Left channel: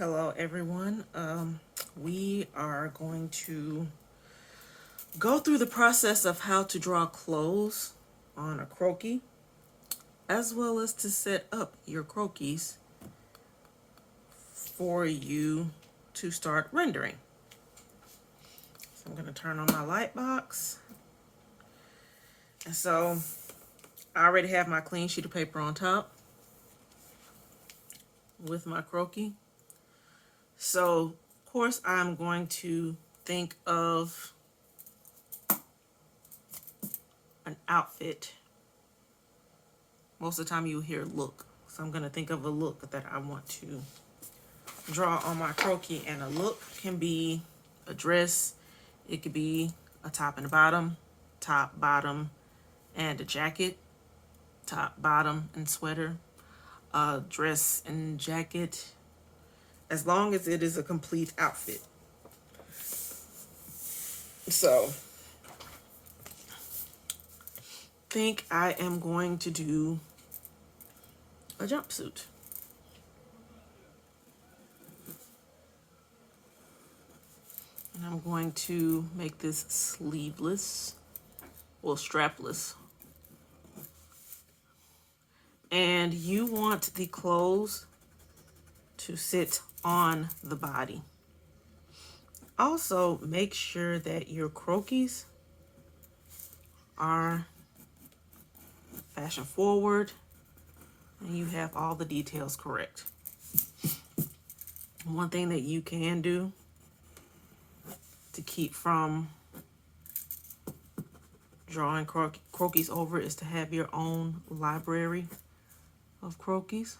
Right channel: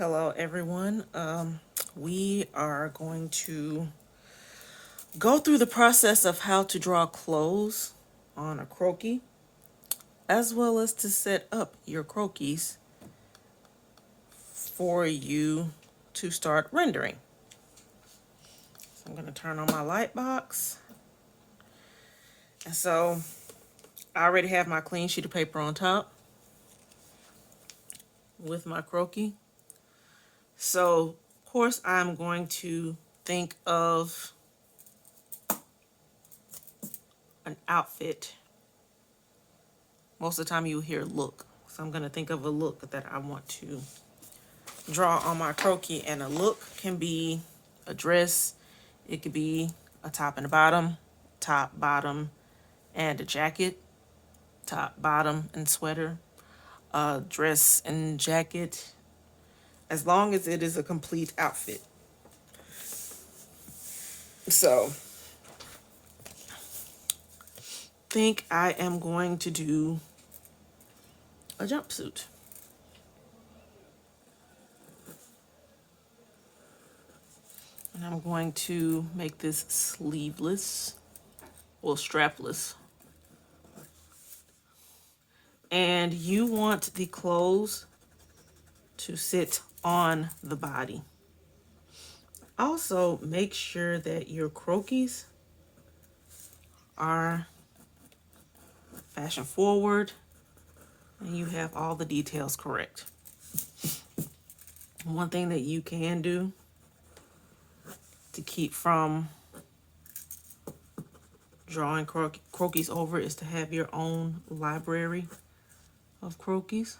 Hello, everyone. We are going to go through the process of how to draw clothes on a croquis, as well as to set up your croquis for you to start rendering. So I'm going to turn on my light box. And so I already have my clean sheet of paper on top with my croquis. So, of course, I'm going to think of an outfit. Most of the time you hear look. So I'm going to think of a look that I want to draw on my croquis. And a look can be a dress. It could be a top and a bottom, top, bottom, and a jacket, top, bottom, and sweater, a dress and jacket, as long as it is a complete outfit. So, think I am going to do a jumpsuit. And I'm going to make this sleeveless, well, strapless. And you want the clothes to sit on the body. Also, make sure that your croquis are fashion forward and you have all the details correct. One thing that you can do to keep from drawing croquis over is to have your own library of croquis.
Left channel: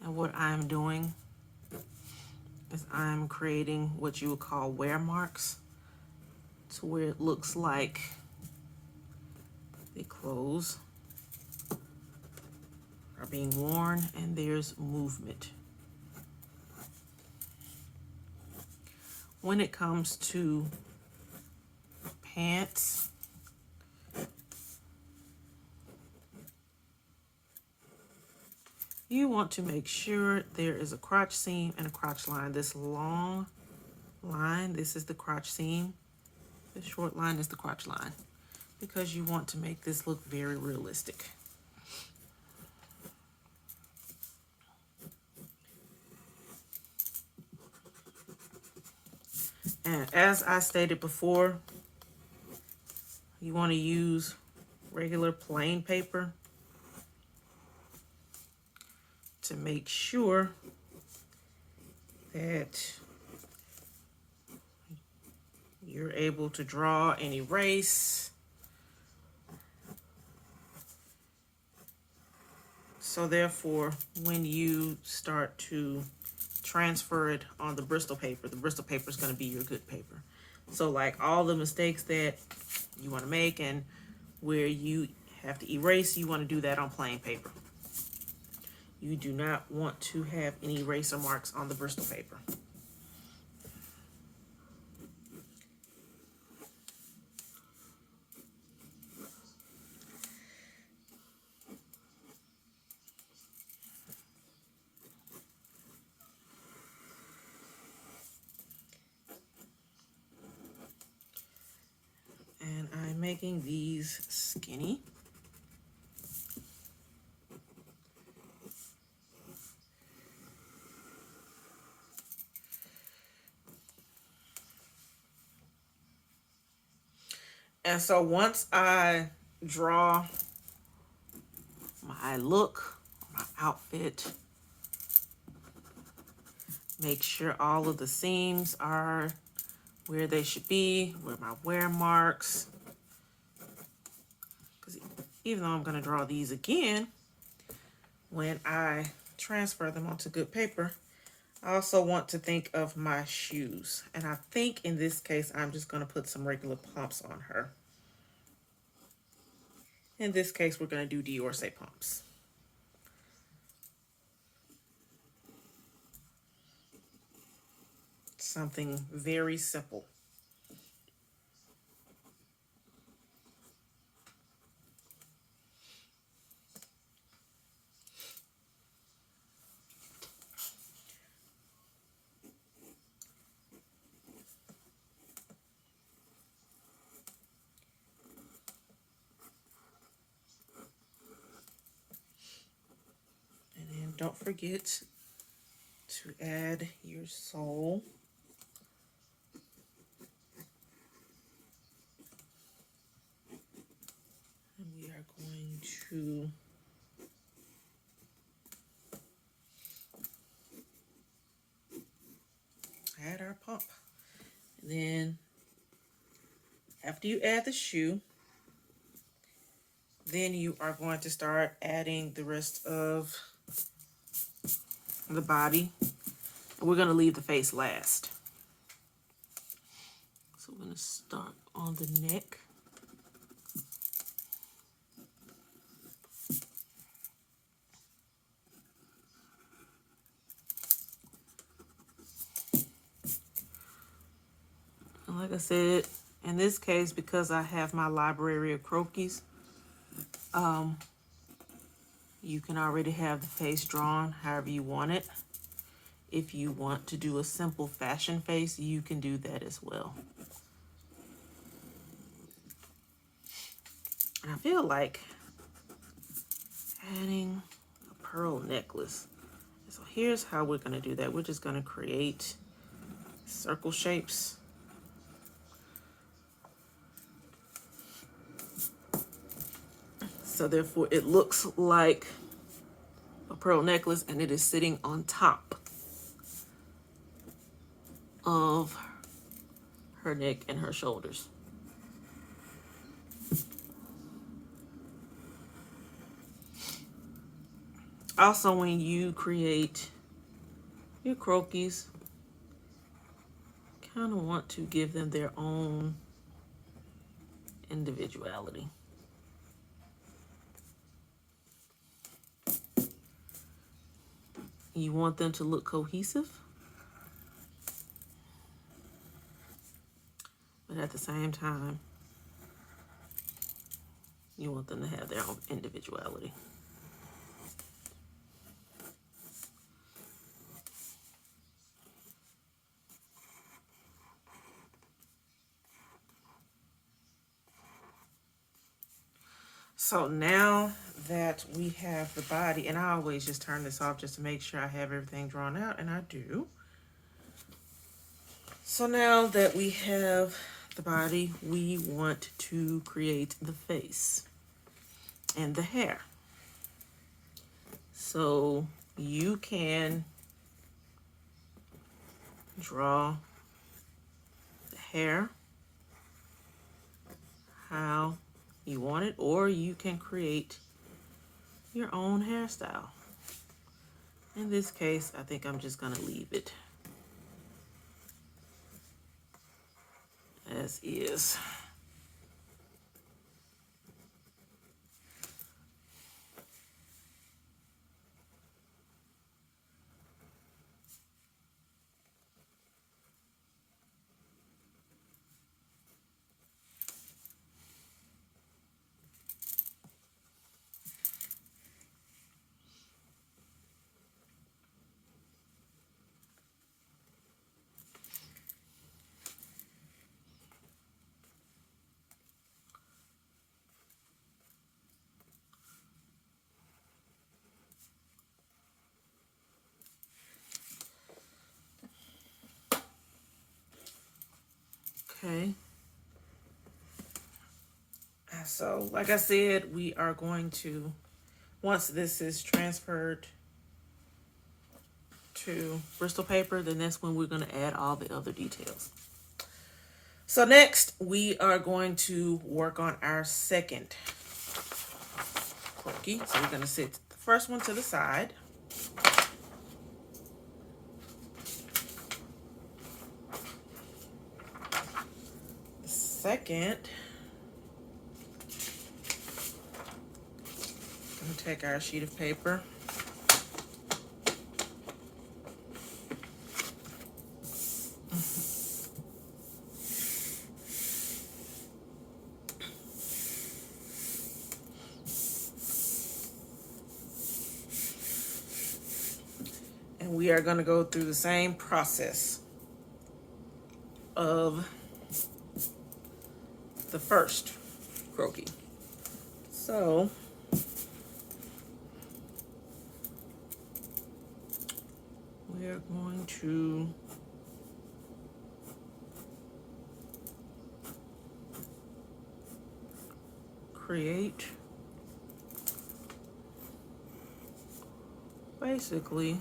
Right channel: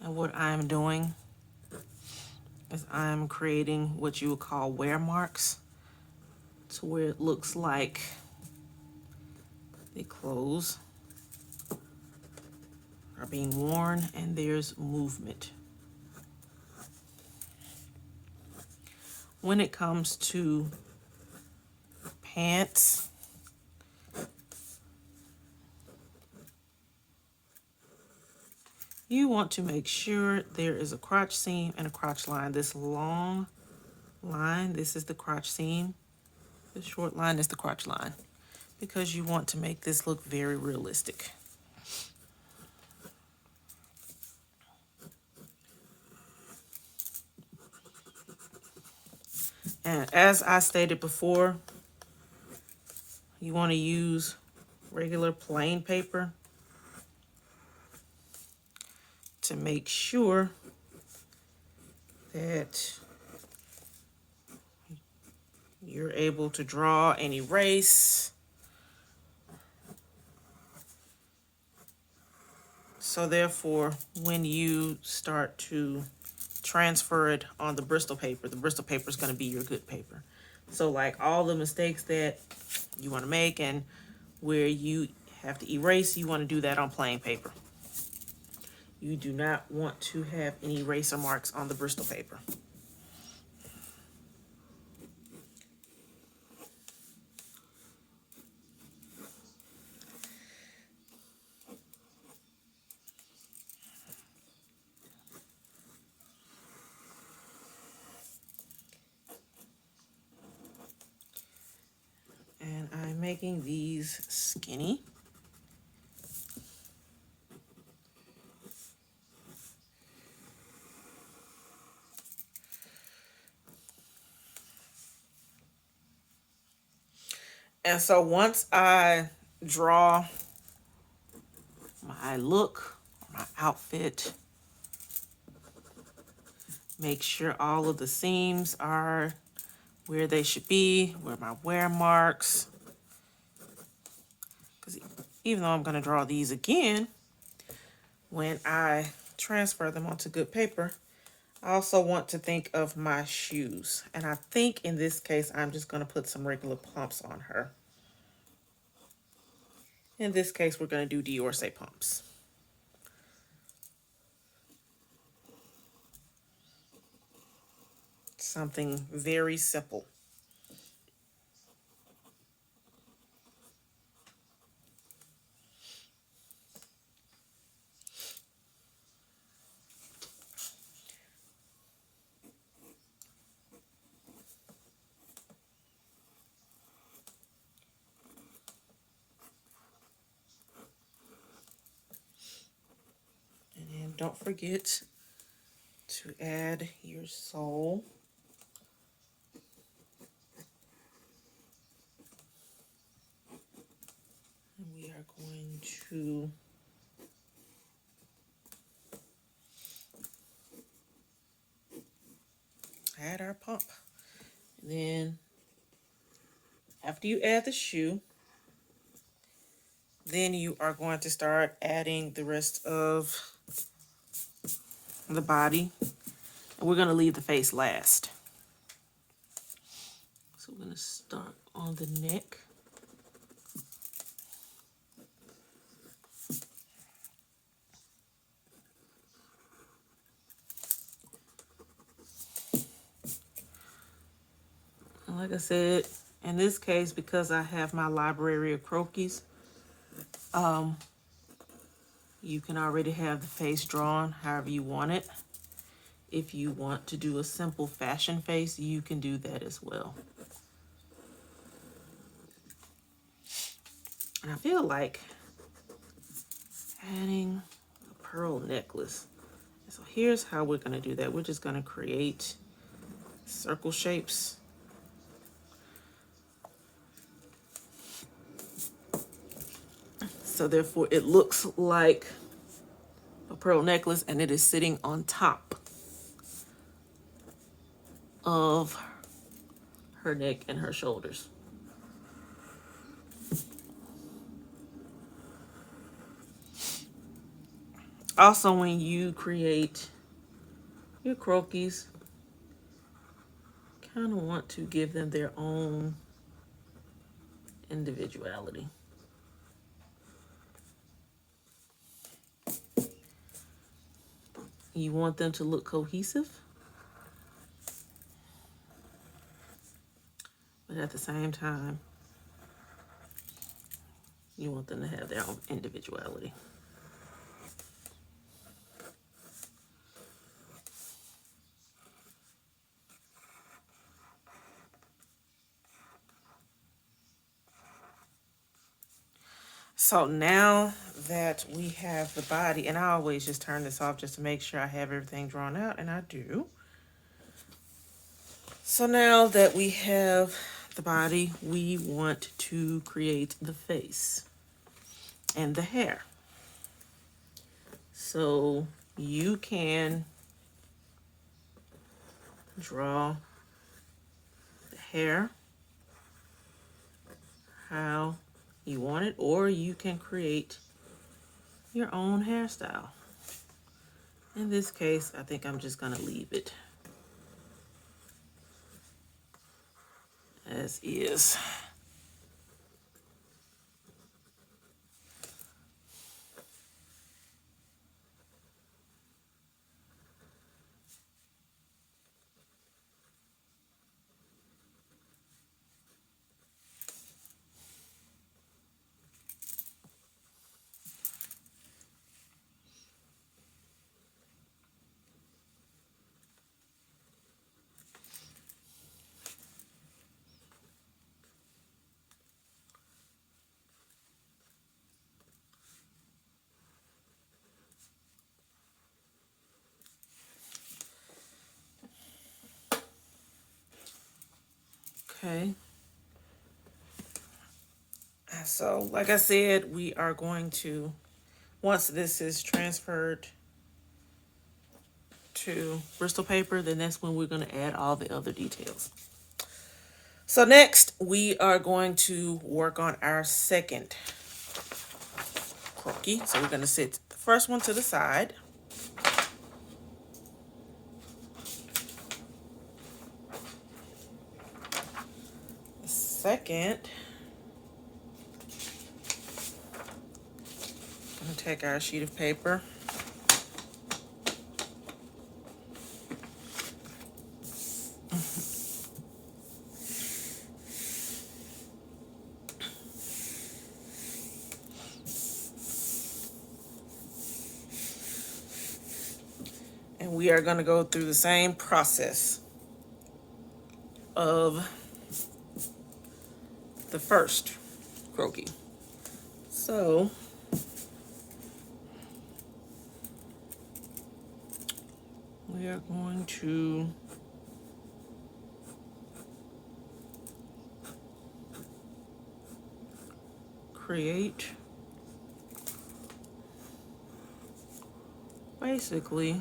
And what I'm doing is I'm creating what you would call wear marks, to where it looks like the clothes are being worn and there's movement. When it comes to pants, you want to make sure there is a crotch seam and a crotch line. This long line, this is the crotch seam. This short line is the crotch line, because you want to make this look very realistic. And as I stated before, you want to use regular plain paper to make sure that you're able to draw and erase. So therefore, when you start to transfer it on the Bristol paper is going to be your good paper. So like all the mistakes that you want to make and where you have to erase, you want to do that on plain paper. You do not want to have any eraser marks on the Bristol paper. And I'm making these skinny. And so once I draw my look, my outfit, make sure all of the seams are where they should be, where my wear marks. Because even though I'm going to draw these again, when I transfer them onto good paper, I also want to think of my shoes. And I think in this case, I'm just going to put some regular pumps on her. In this case, we're going to do Dior pumps. Something very simple. don't forget to add your sole. And we are going to add our pump. Then after you add the shoe, then you are going to start adding the rest of the body. And we're going to leave the face last. So we're going to start on the neck. And like I said, in this case, because I have my library of Croquis, you can already have the face drawn however you want it. If you want to do a simple fashion face, you can do that as well. And I feel like adding a pearl necklace. So here's how we're going to do that. We're just going to create circle shapes. So therefore it looks like a pearl necklace, and it is sitting on top of her neck and her shoulders. Also, when you create your Croquis, kind of want to give them their own individuality. You want them to look cohesive, but at the same time, you want them to have their own individuality. So now that we have the body, and I always just turn this off just to make sure I have everything drawn out, and I do. So now that we have the body, we want to create the face and the hair. So you can draw the hair how you want it, or you can create your own hairstyle. In this case, I think I'm just going to leave it as is. Okay. So, like I said, we are going to, once this is transferred to Bristol paper, then that's when we're going to add all the other details. So next, we are going to work on our second Croquis. So we're going to sit the first one to the side. The second, I'm going to take our sheet of paper. And we are going to go through the same process of the first Croquis. So we are going to create basically,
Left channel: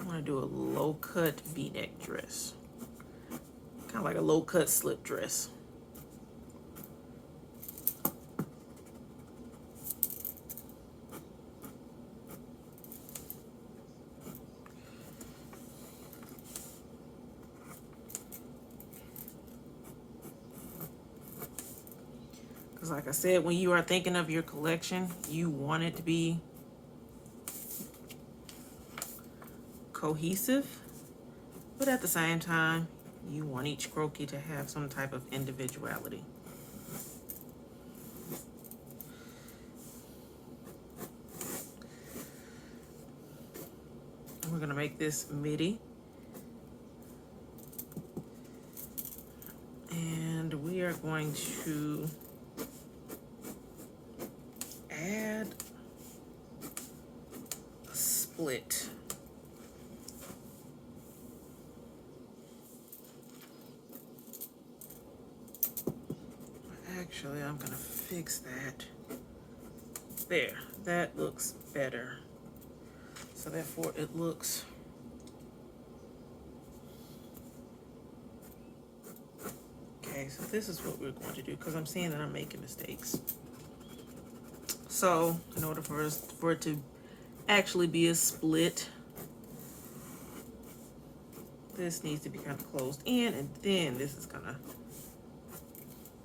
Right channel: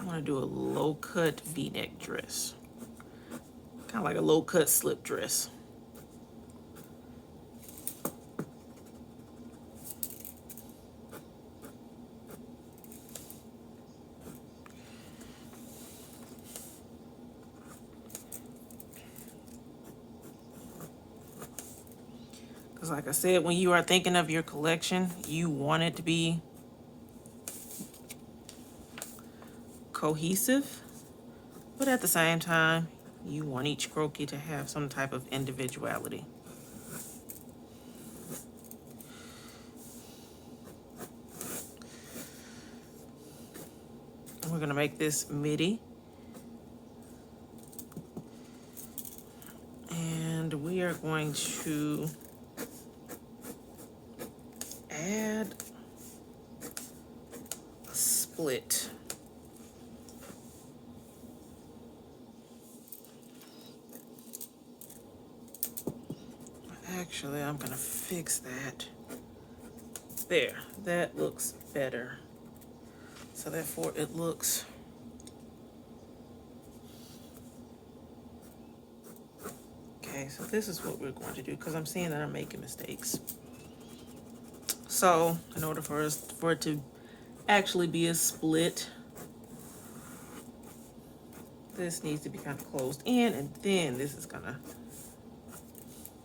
I want to do a low cut v-neck dress, kind of like a low cut slip dress. Because like I said, when you are thinking of your collection, you want it to be cohesive, but at the same time, you want each croquis to have some type of individuality. We're going to make this midi. And we are going to add a split. Actually, I'm going to fix that. There, that looks better. So therefore it looks okay. So this is what we're going to do, because I'm seeing that I'm making mistakes. So in order for it to actually be a split, this needs to be kind of closed in, and then this is gonna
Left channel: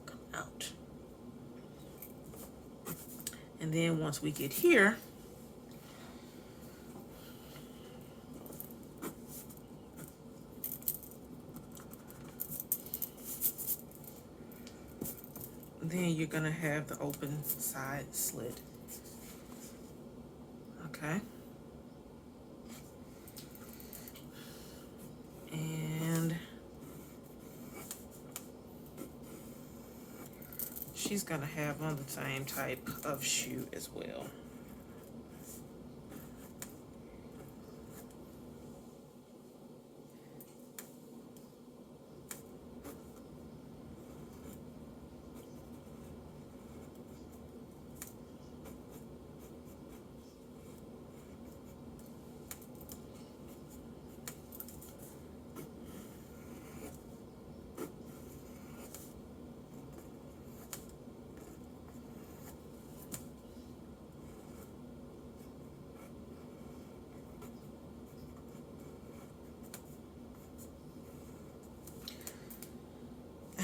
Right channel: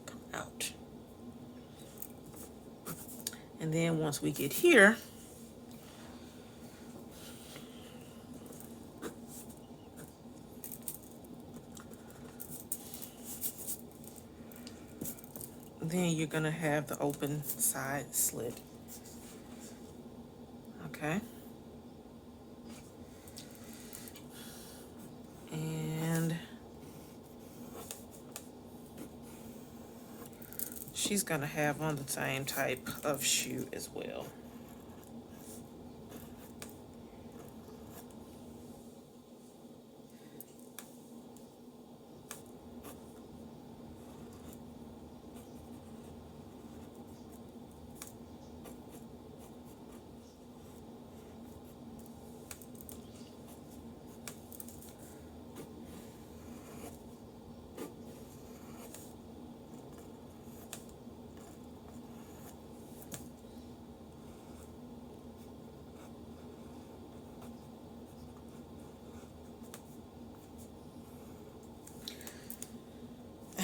come out. And then once we get here, then you're gonna have the open side slit. Okay. And she's gonna have on the same type of shoe as well.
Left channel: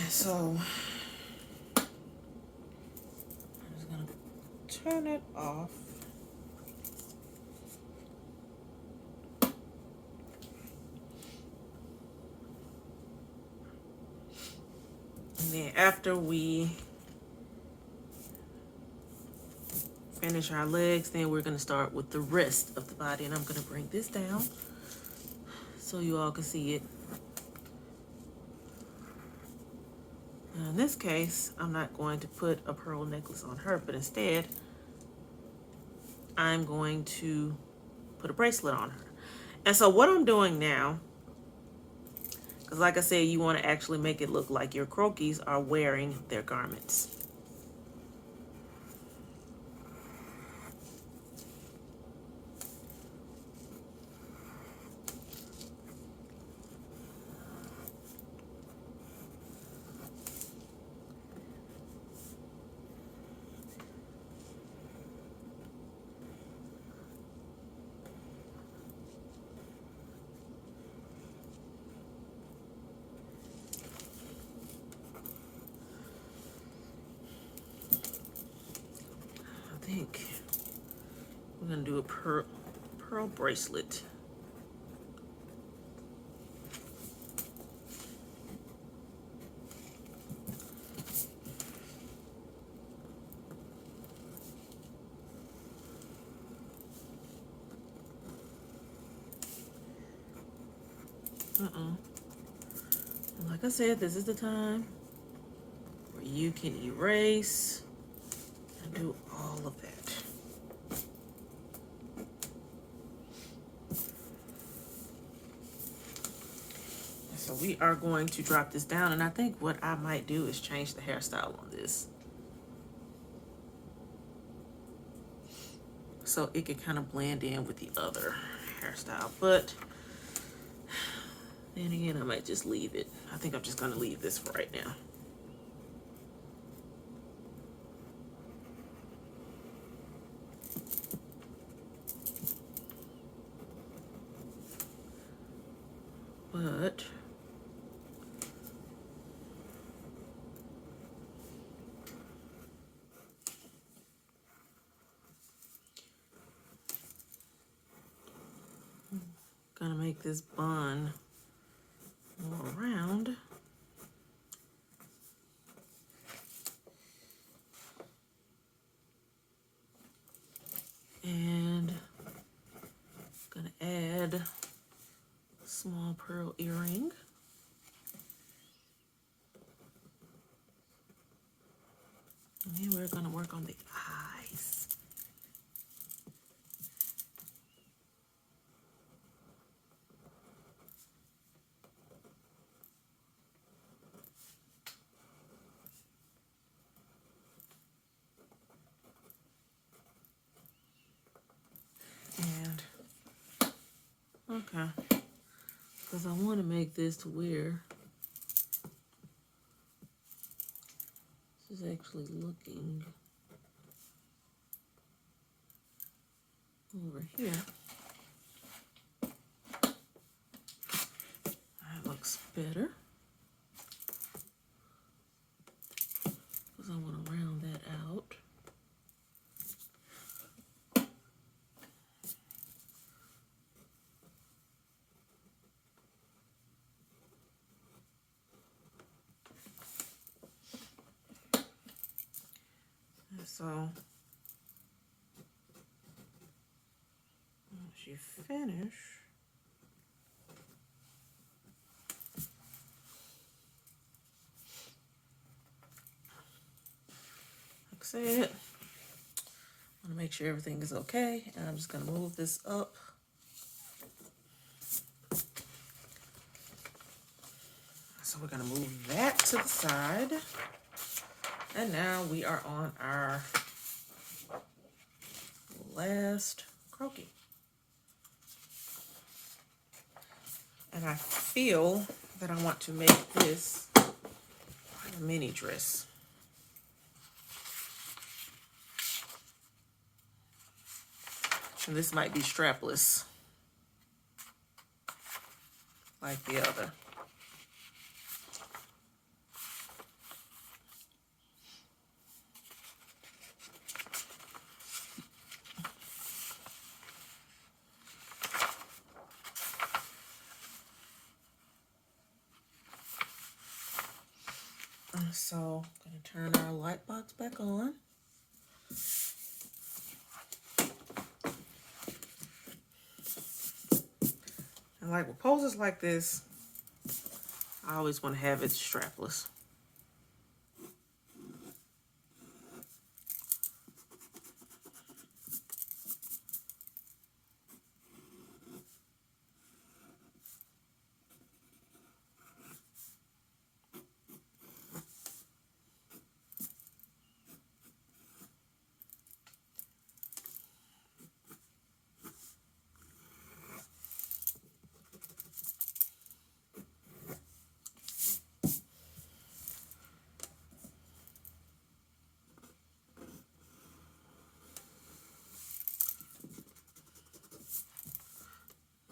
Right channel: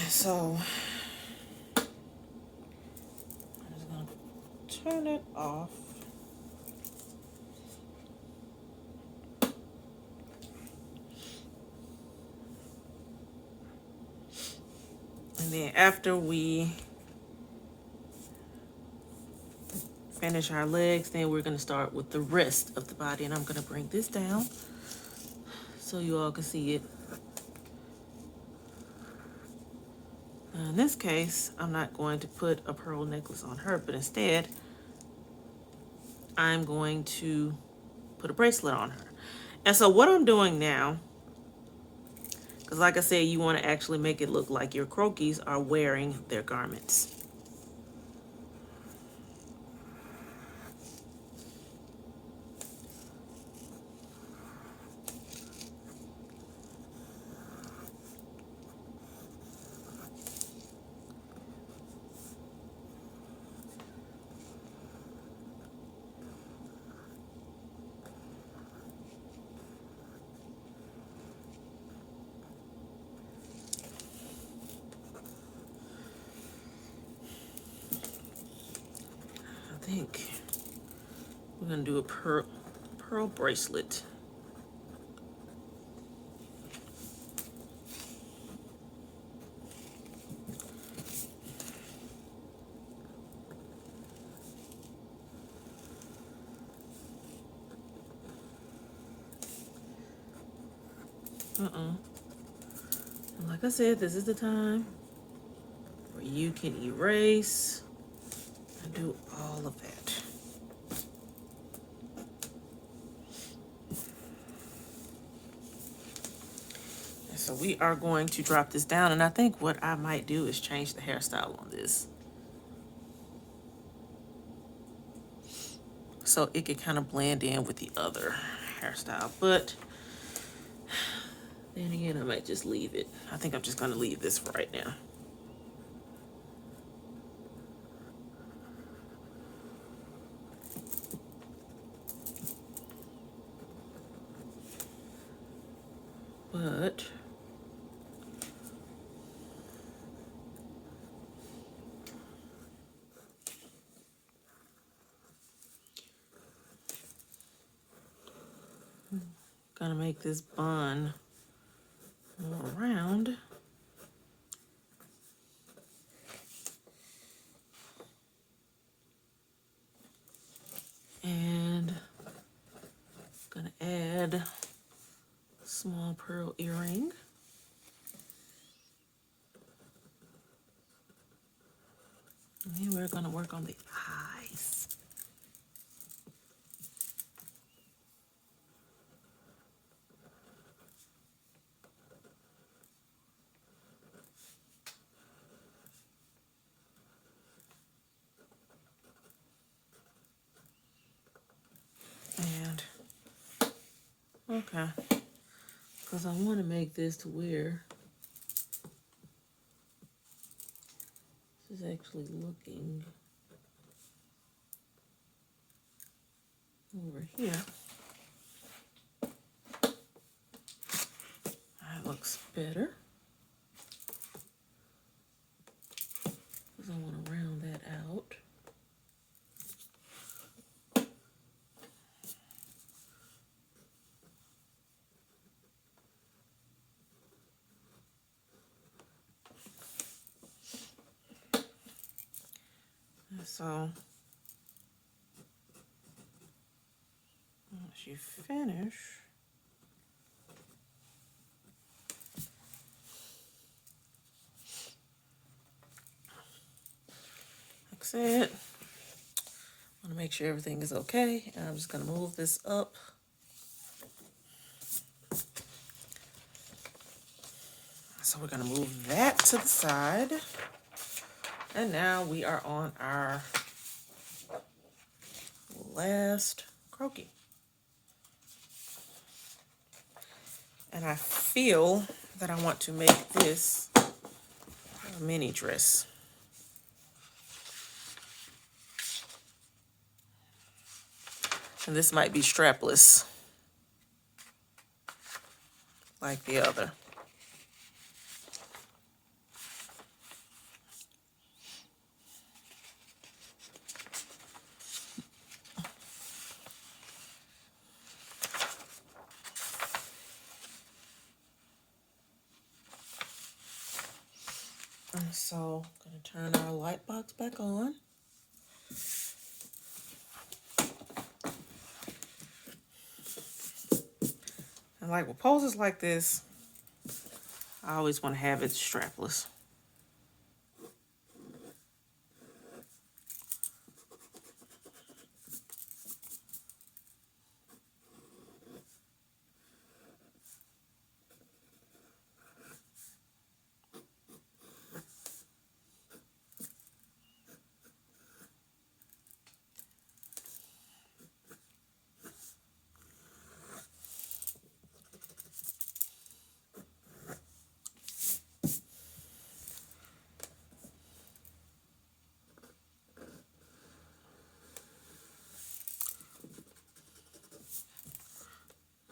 So I'm just gonna turn it off. And then after we finish our legs, then we're gonna start with the rest of the body. And I'm gonna bring this down so you all can see it. Now in this case, I'm not going to put a pearl necklace on her, but instead, I'm going to put a bracelet on her. And so what I'm doing now, because like I said, you want to actually make it look like your croquis are wearing their garments. I think we're going to do a pearl bracelet. Like I said, this is the time where you can erase and do all of that. we are going to drop this down, and I think what I might do is change the hairstyle on this, so it could kind of blend in with the other hairstyle. But then again, I might just leave it. I think I'm just gonna leave this for right now. But gonna make this bun more round. And gonna add a small pearl earring. And then we're gonna work on the eyes. And okay, because I want to make this to where this is actually looking over here. That looks better. Because I want to round that out. And so once you finish, like I said, I want to make sure everything is okay. And I'm just going to move this up. So we're going to move that to the side. And now we are on our last croquis. And I feel that I want to make this a mini dress. And this might be strapless, like the other. And so I'm going to turn our light box back on. And like with poses like this, I always want to have it strapless.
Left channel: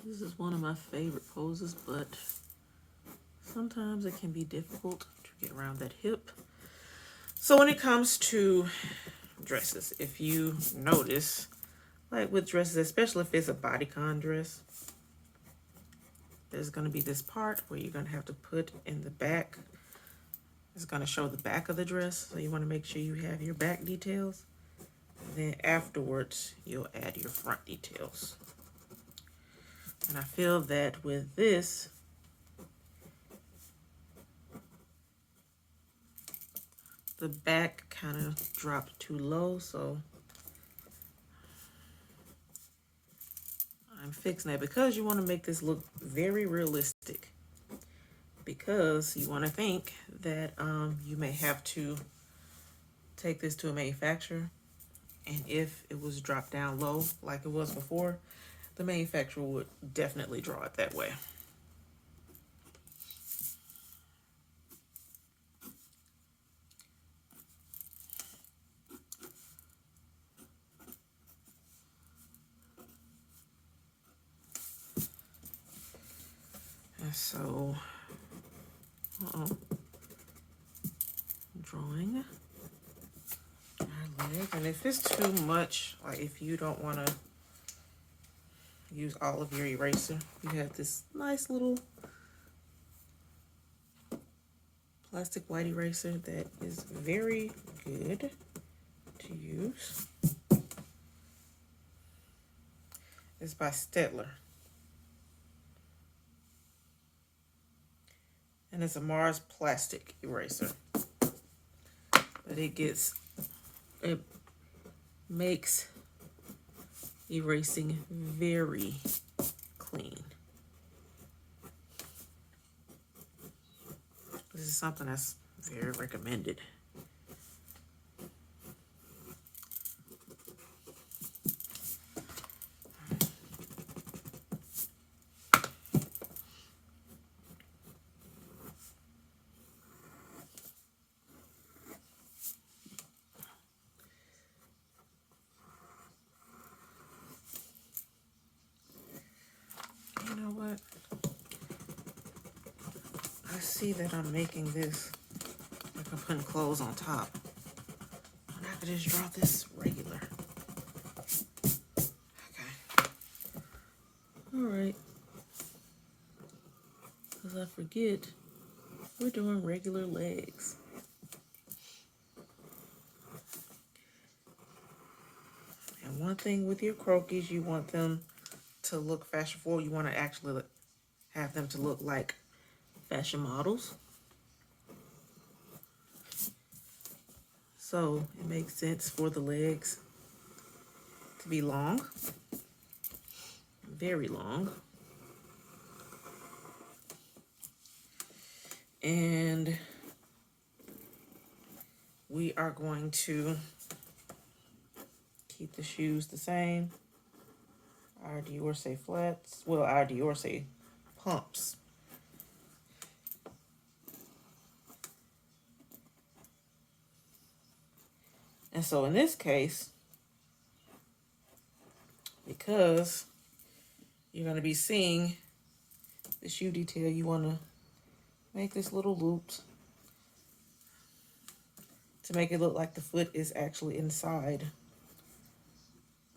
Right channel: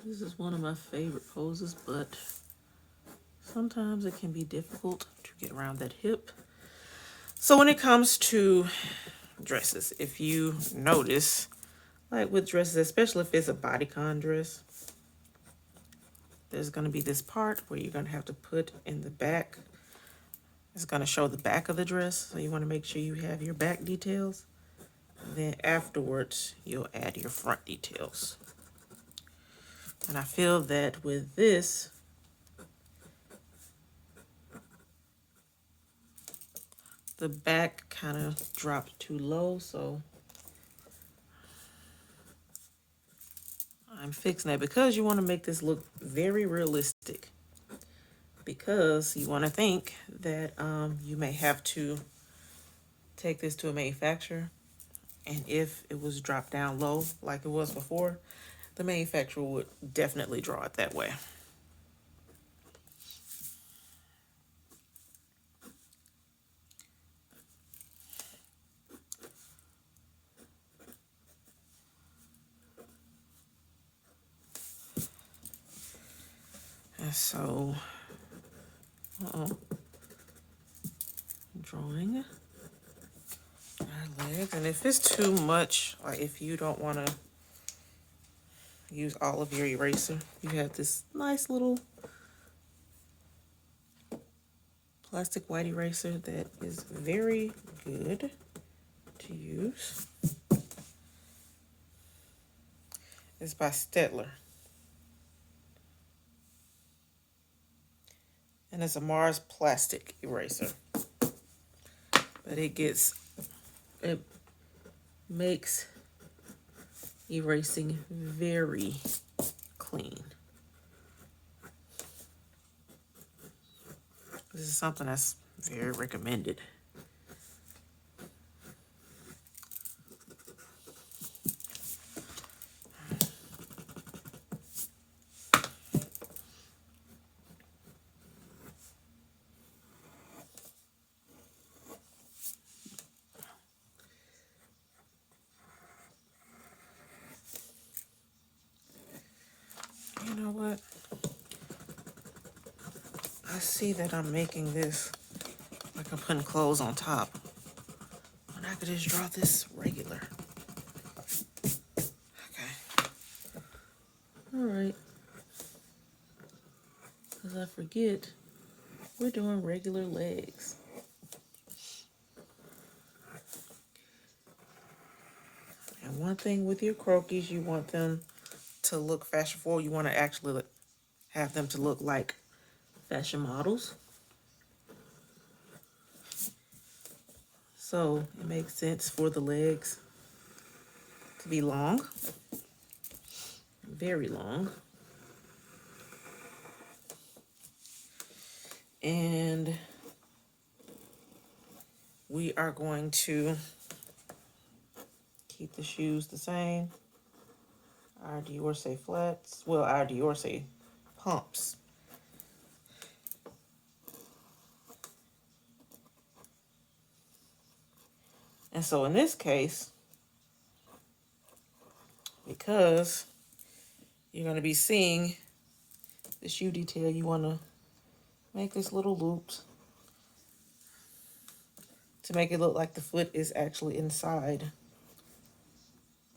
This is one of my favorite poses, but sometimes it can be difficult to get around that hip. So when it comes to dresses, if you notice, like with dresses, especially if it's a bodycon dress, there's going to be this part where you're going to have to put in the back. It's going to show the back of the dress, so you want to make sure you have your back details. And then afterwards, you'll add your front details. And I feel that with this, the back kind of dropped too low, so I'm fixing that because you want to make this look very realistic. because you want to think that you may have to take this to a manufacturer, and if it was dropped down low like it was before, the manufacturer would definitely draw it that way. And so, drawing our leg, and if it's too much, like if you don't want to use all of your eraser, you have this nice little plastic white eraser that is very good to use. It's by Stettler, and it's a Mars plastic eraser, but it makes erasing very clean. This is something that's very recommended. You know what? I see that I'm making this like I'm putting clothes on top. And I could just draw this regular. Okay. All right. Because I forget, we're doing regular legs. And one thing with your croquis, you want them to look fashionable. You want to actually have them to look like fashion models. So it makes sense for the legs to be long, very long. And we are going to keep the shoes the same. Our Dior say flats. Well, our Dior say pumps. And so in this case, because you're going to be seeing the shoe detail, you want to make this little loops to make it look like the foot is actually inside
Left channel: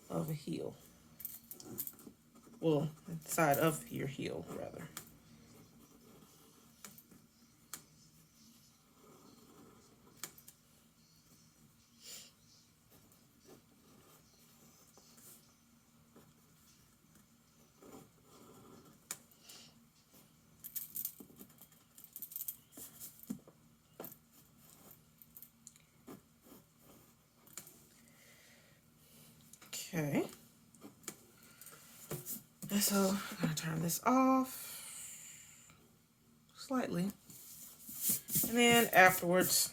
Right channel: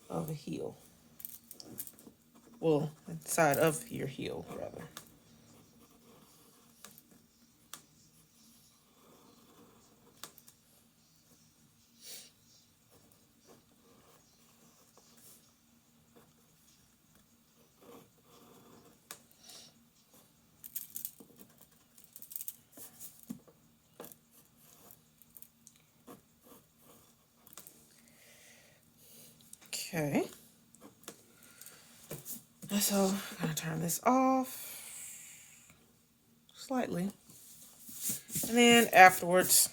of a heel. Well, inside of your heel, rather. Okay. And so I'm going to turn this off slightly. And then afterwards,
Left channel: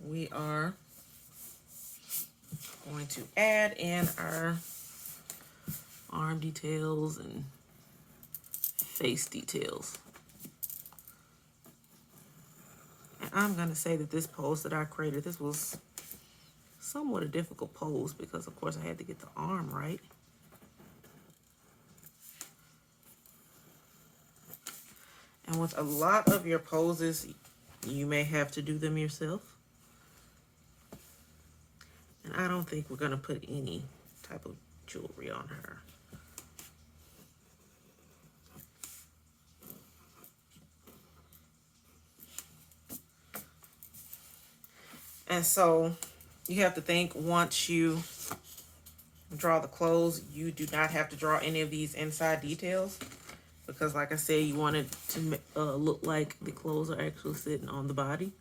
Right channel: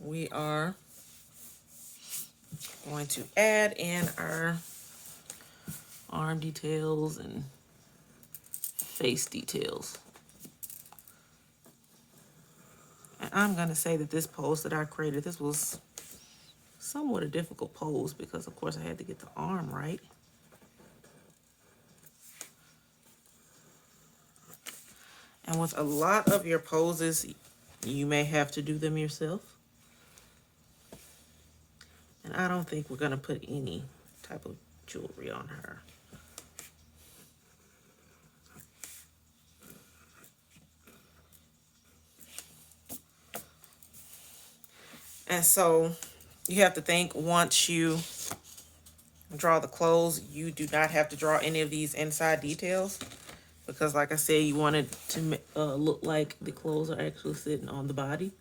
we are going to add in our arm details and face details. And I'm going to say that this pose that I created, this was somewhat a difficult pose because, of course, I had to get the arm right. And with a lot of your poses, you may have to do them yourself. And I don't think we're going to put any type of jewelry on her. And so you have to think, once you draw the clothes, you do not have to draw any of these inside details. Because like I said, you want it to look like the clothes are actually sitting on the body.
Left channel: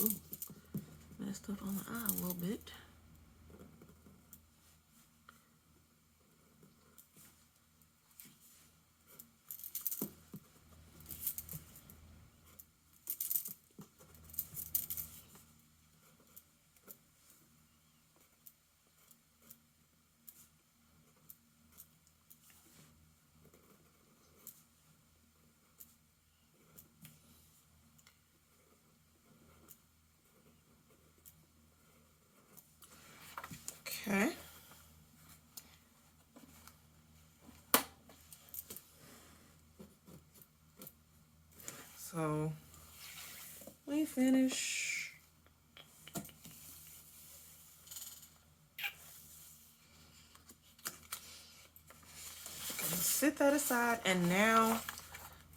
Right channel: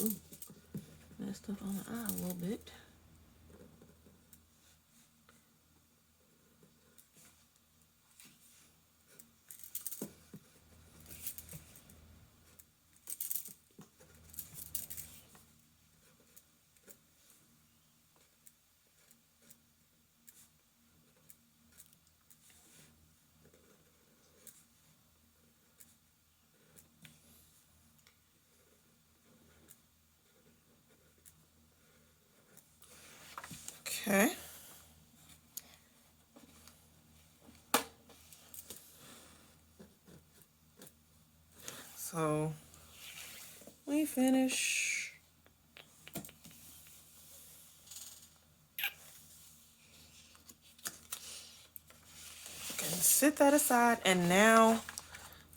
Ooh, messed up on the eye a little bit. Okay. So we finish. Can sit that aside, and now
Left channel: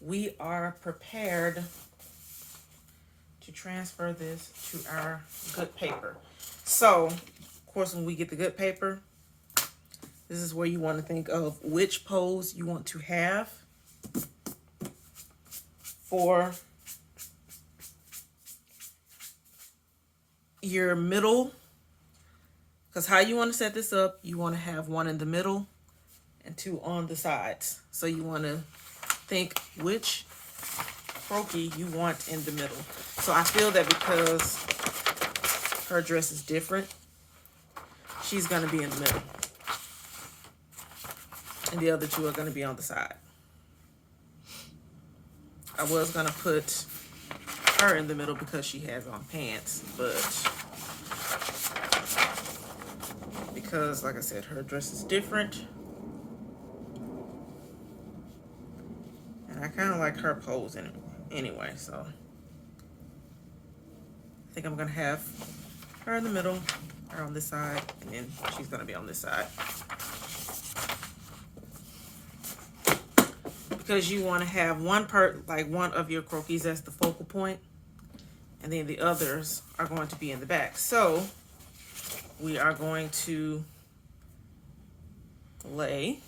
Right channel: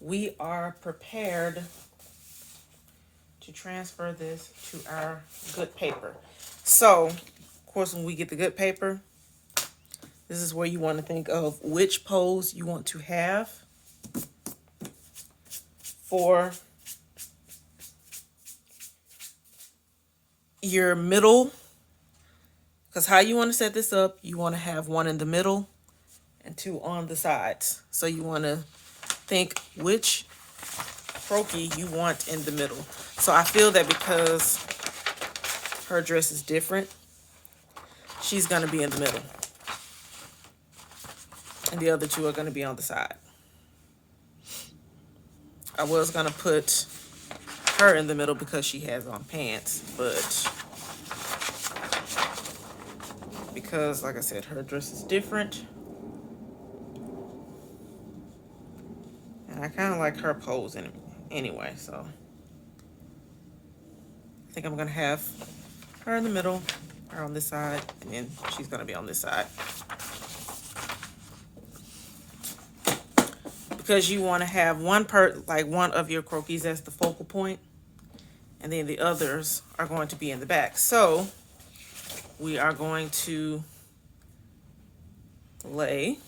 we are prepared to transfer this to our good paper. So, of course, when we get the good paper, this is where you want to think of which pose you want to have for your middle. Because how you want to set this up, you want to have one in the middle and two on the sides. So you want to think which croquis you want in the middle. So I feel that because her dress is different, she's going to be in the middle. And the other two are going to be on the side. I was going to put her in the middle because she has on pants, but because, like I said, her dress is different. And I kind of like her pose anyway, so I think I'm going to have her in the middle, her on this side, and then she's going to be on this side. Because you want to have one of your croquis as the focal point, and then the others are going to be in the back. So we are going to lay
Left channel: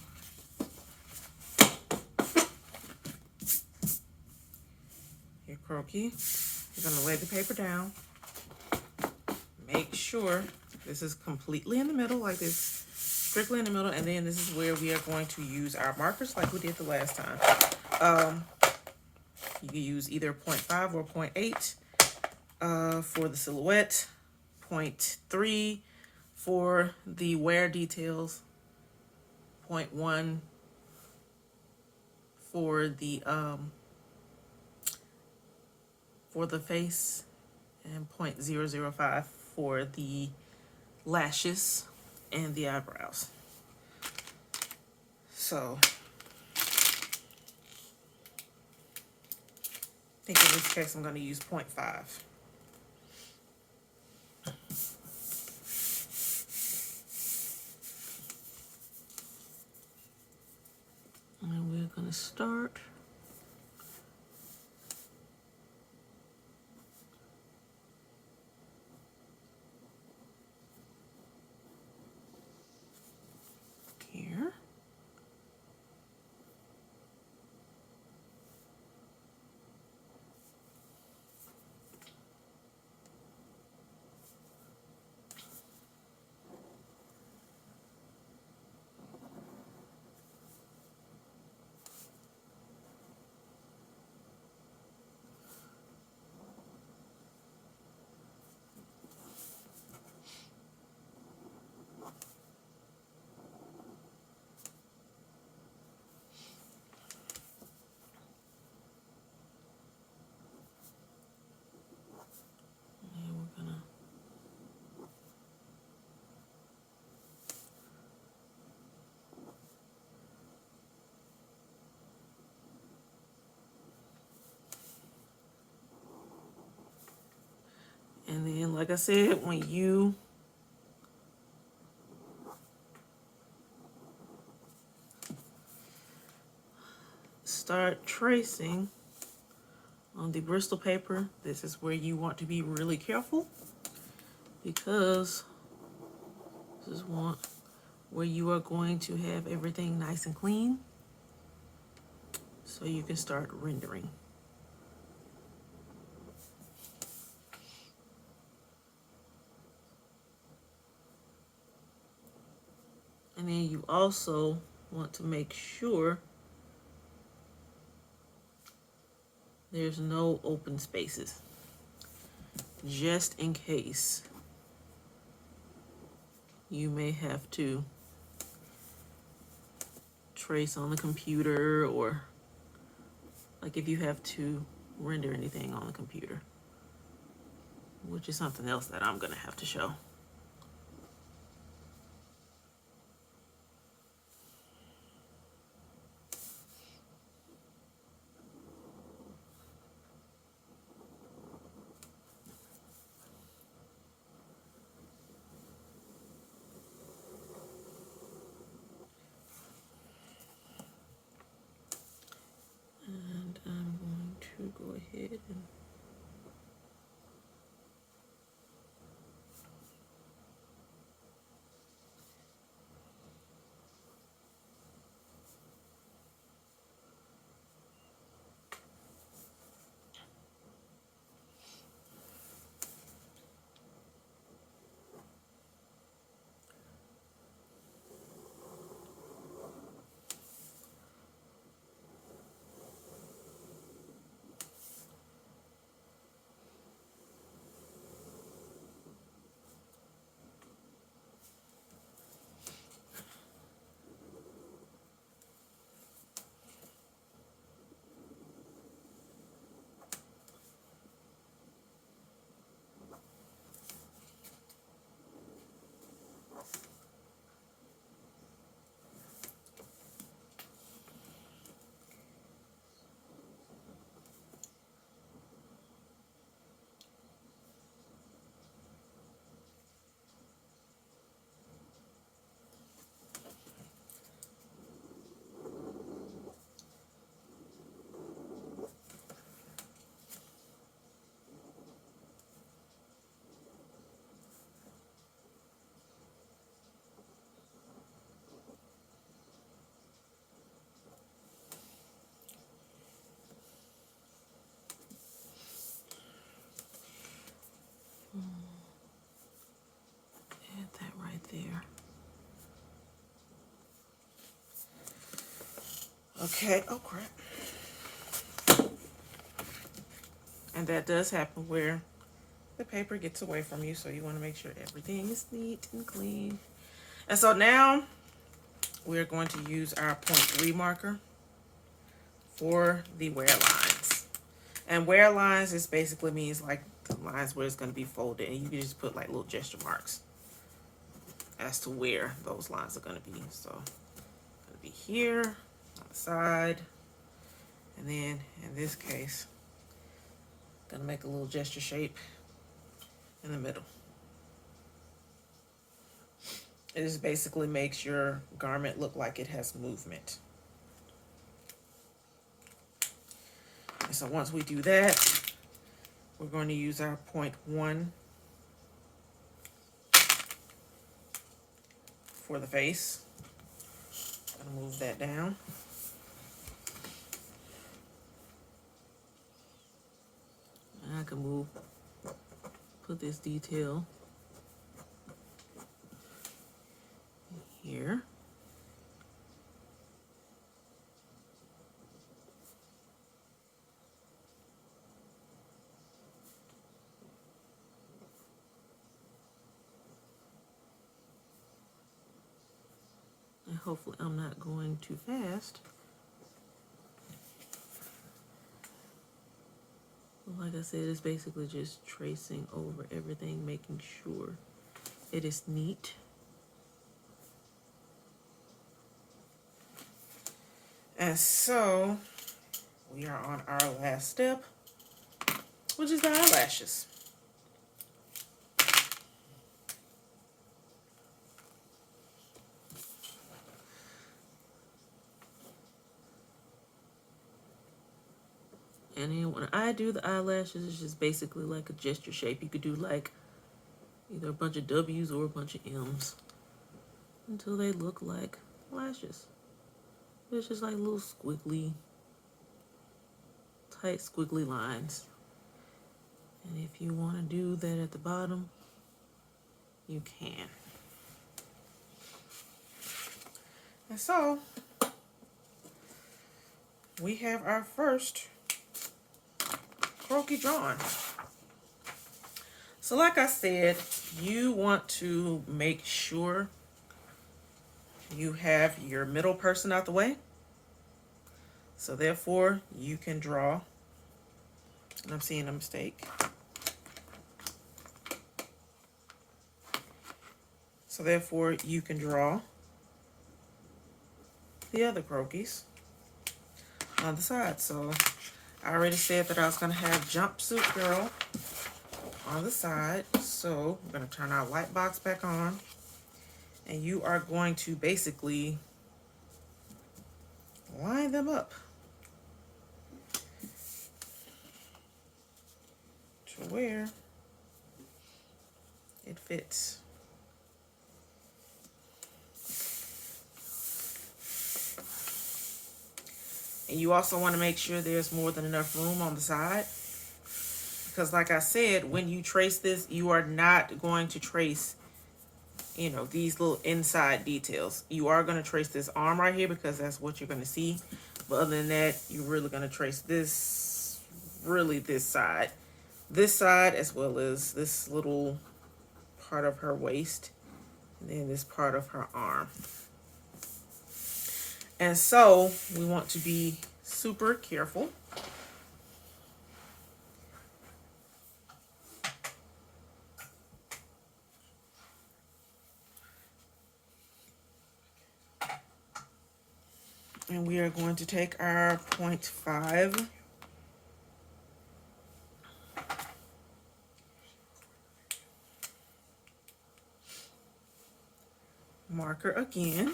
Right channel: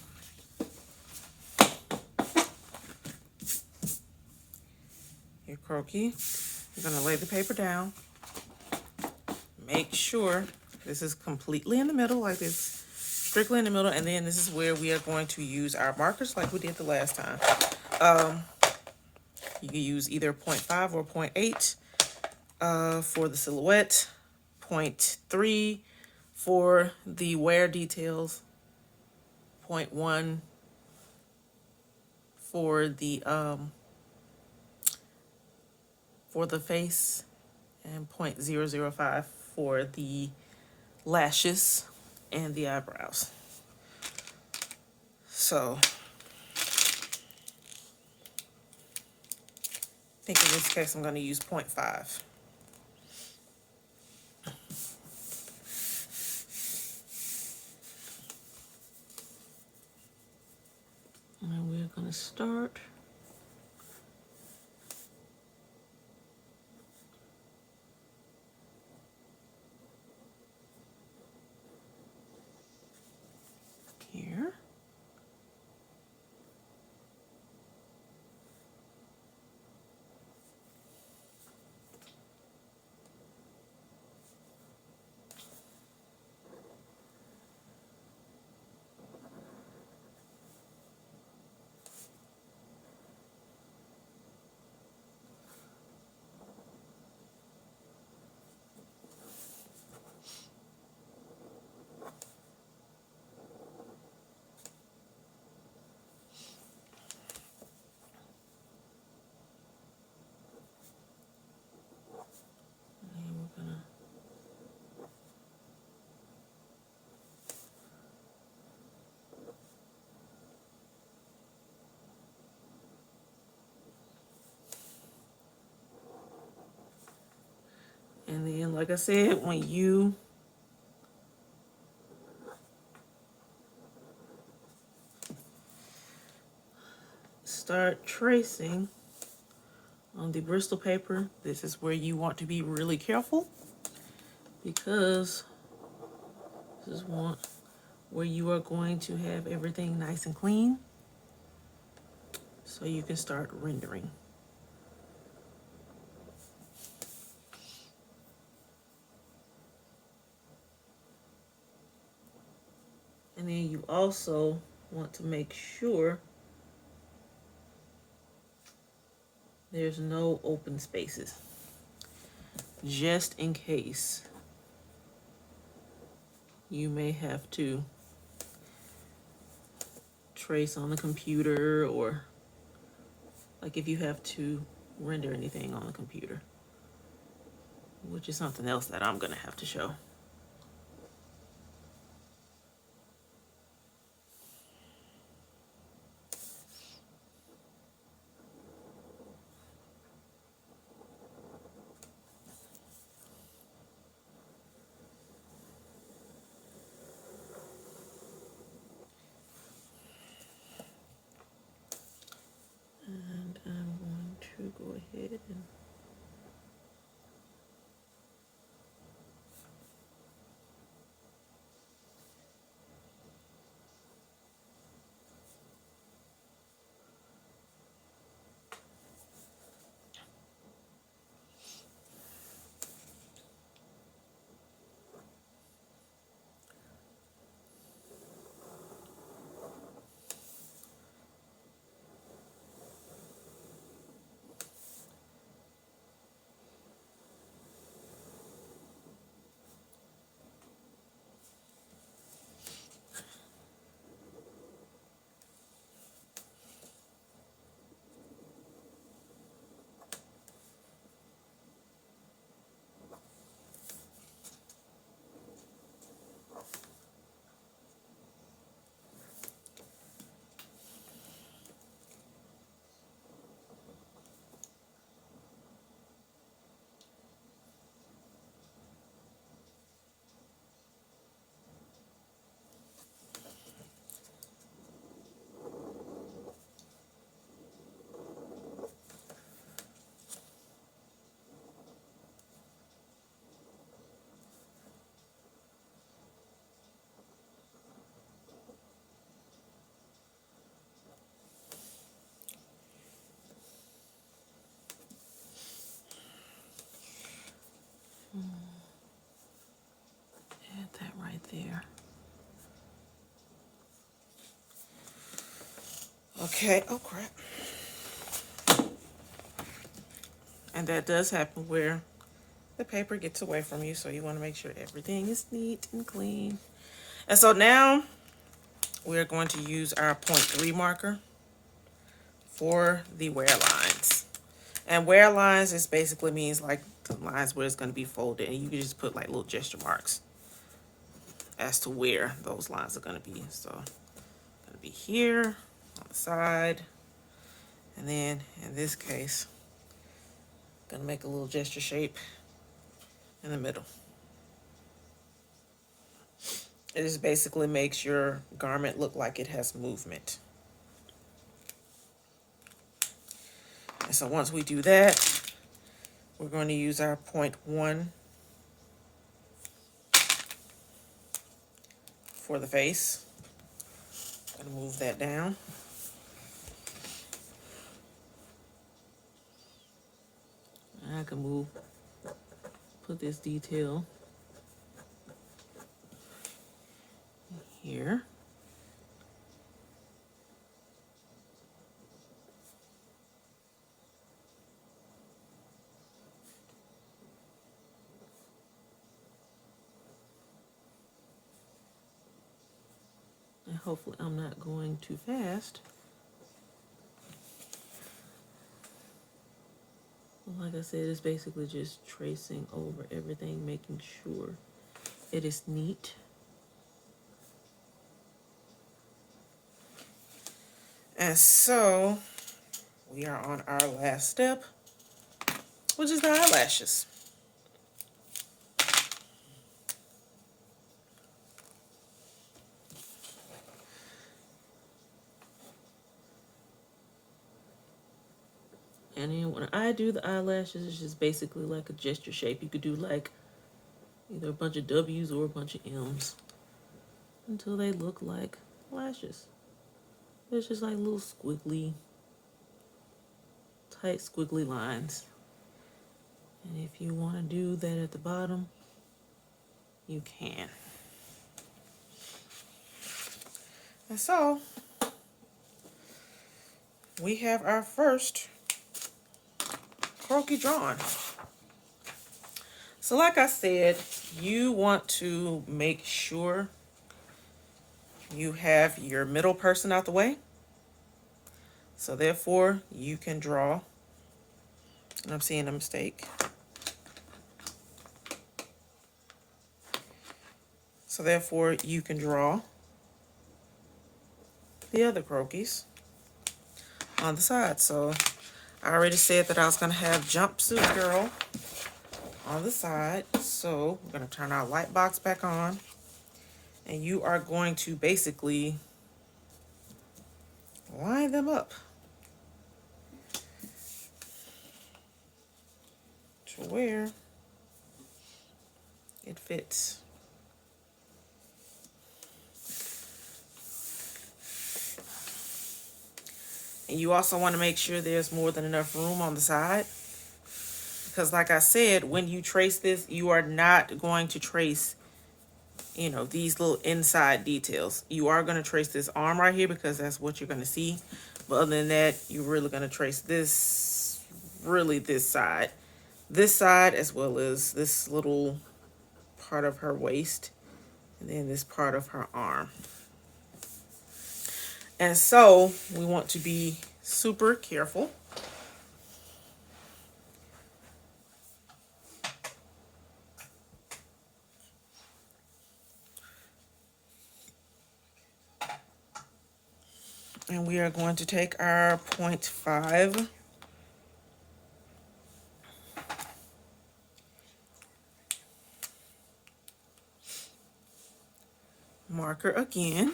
your croquis. You're going to lay the paper down. Make sure this is completely in the middle, like this. Strictly in the middle, and then this is where we are going to use our markers like we did the last time. You can use either 0.5 or 0.8 for the silhouette, 0.3 for the wear details, 0.1 for the face, and 0.005 for the lashes and the eyebrows. So I think in this case I'm going to use 0.5. And we're going to start here. And then, like I said, when you start tracing on the Bristol paper, this is where you want to be really careful, because this is where you are going to have everything nice and clean, so you can start rendering. you also want to make sure there's no open spaces, just in case you may have to trace on the computer, or like if you have to render anything on the computer, which is something else that I'm gonna have to show. And I'm going to go ahead and add that right there. Okay, oh crap. And that does happen where the paper gets away from you, so you want to make sure everything is neat and clean. And so now we're going to use our 0.3 marker for the wear lines. And wear lines is basically means like the lines where it's going to be folded, and you can just put like little gesture marks as to where those lines are going to be. So it's going to be here on the side, and then in this case, I'm going to make a little gesture shape in the middle. It just basically makes your garment look like it has movement. And so once we do that, we're going to use our 0.1 for the face. I'm going to move that down. And I can put this detail here. And hopefully I'm not going too fast. Like I said, it's basically just tracing over everything, making sure it is neat. And so we are on our last step, which is the eyelashes. And then when I do the eyelashes, it's just basically like a gesture shape. You could do like either a bunch of W's or a bunch of M's until they look like lashes. It's just like little squiggly, tight squiggly lines. And if you want to do that at the bottom, you can. And so we have our first croquis drawn. So like I said, you want to make sure you have your middle person out the way. So therefore you can draw, and I'm seeing a mistake. So therefore you can draw the other croquis on the side. So I already said that I was gonna have jumpsuit girl on the side. So I'm gonna turn our light box back on, and you are going to basically line them up to where it fits. And you also want to make sure there's more than enough room on the side, because like I said, when you trace this, you are not going to trace, you know, these little inside details. You are going to trace this arm right here because that's what you're going to see. But other than that, you're really going to trace this, really this side, as well as this little part of her waist, and then this part of her arm. And so we want to be super careful. And we are going to take our 0.5 marker again.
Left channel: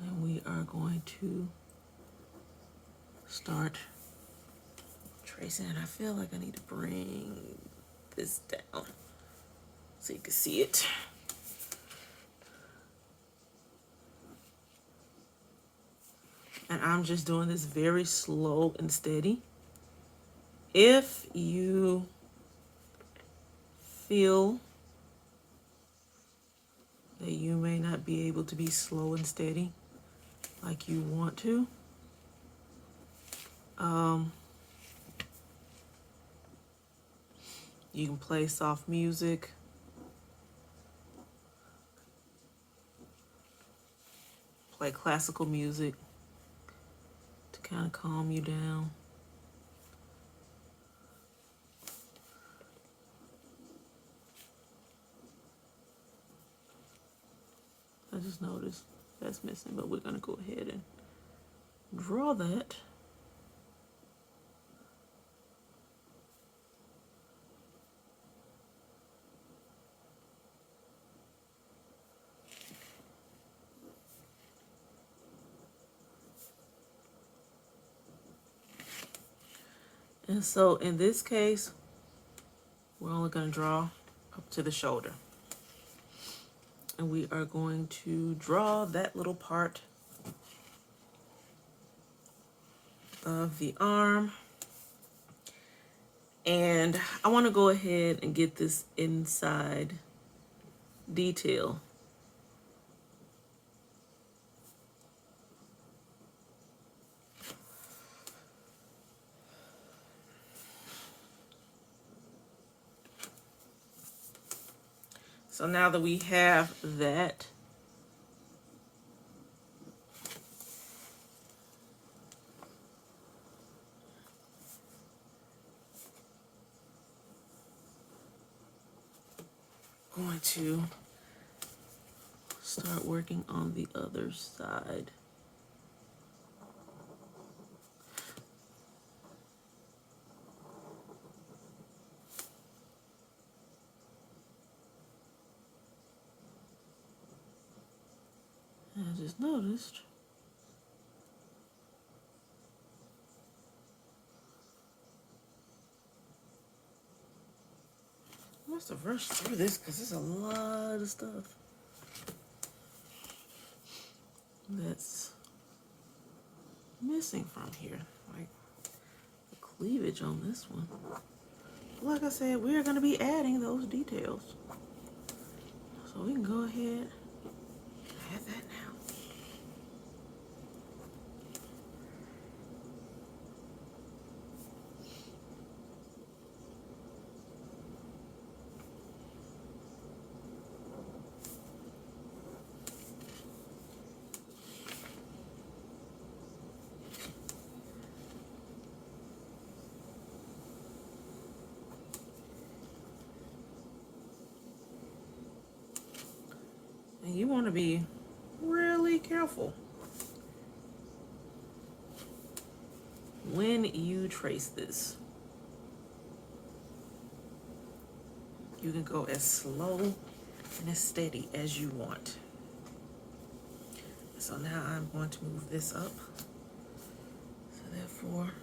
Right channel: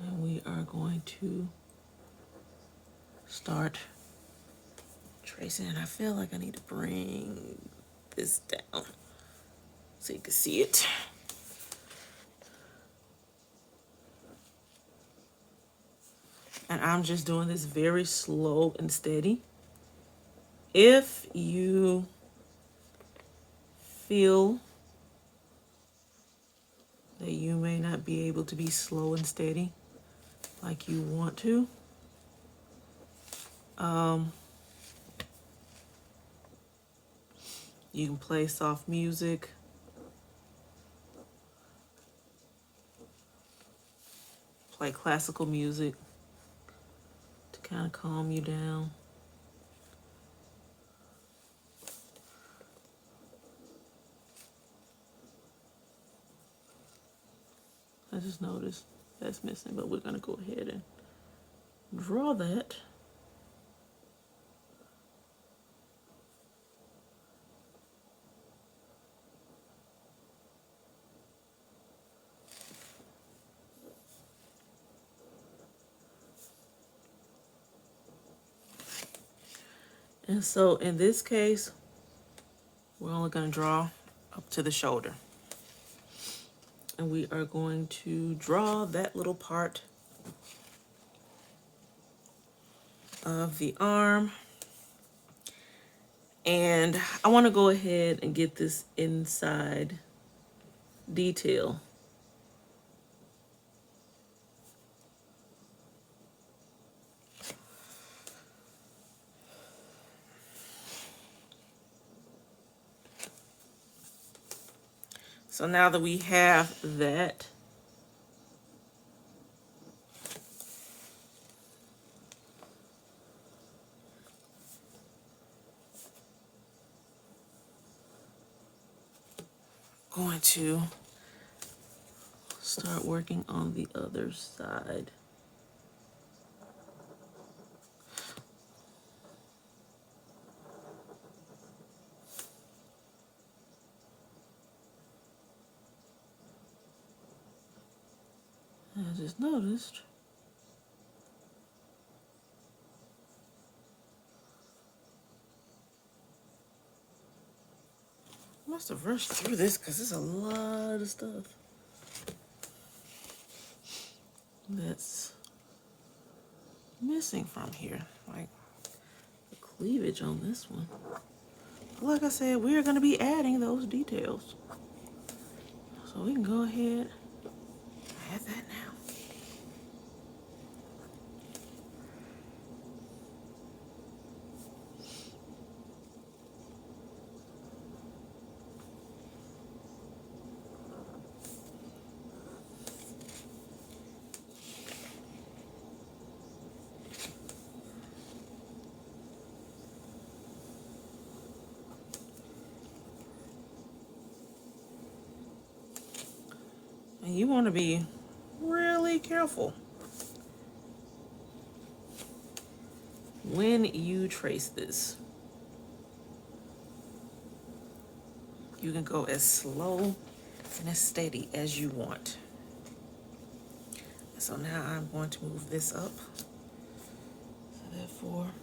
And we are going to start tracing. And I feel like I need to bring this down so you can see it. And I'm just doing this very slow and steady. If you feel that you may not be able to be slow and steady like you want to, you can play soft music, play classical music to kind of calm you down. I just noticed that's missing, but we're gonna go ahead and draw that. And so in this case, we're only gonna draw up to the shoulder. And we are going to draw that little part of the arm. And I want to go ahead and get this inside detail. So now that we have that, going to start working on the other side. I just noticed I must have rushed through this because there's a lot of stuff that's missing from here. Like the cleavage on this one. Like I said, we're going to be adding those details. So we can go ahead and add that now. And you want to be really careful when you trace this. You can go as slow and as steady as you want. So now I'm going to move this up. So therefore,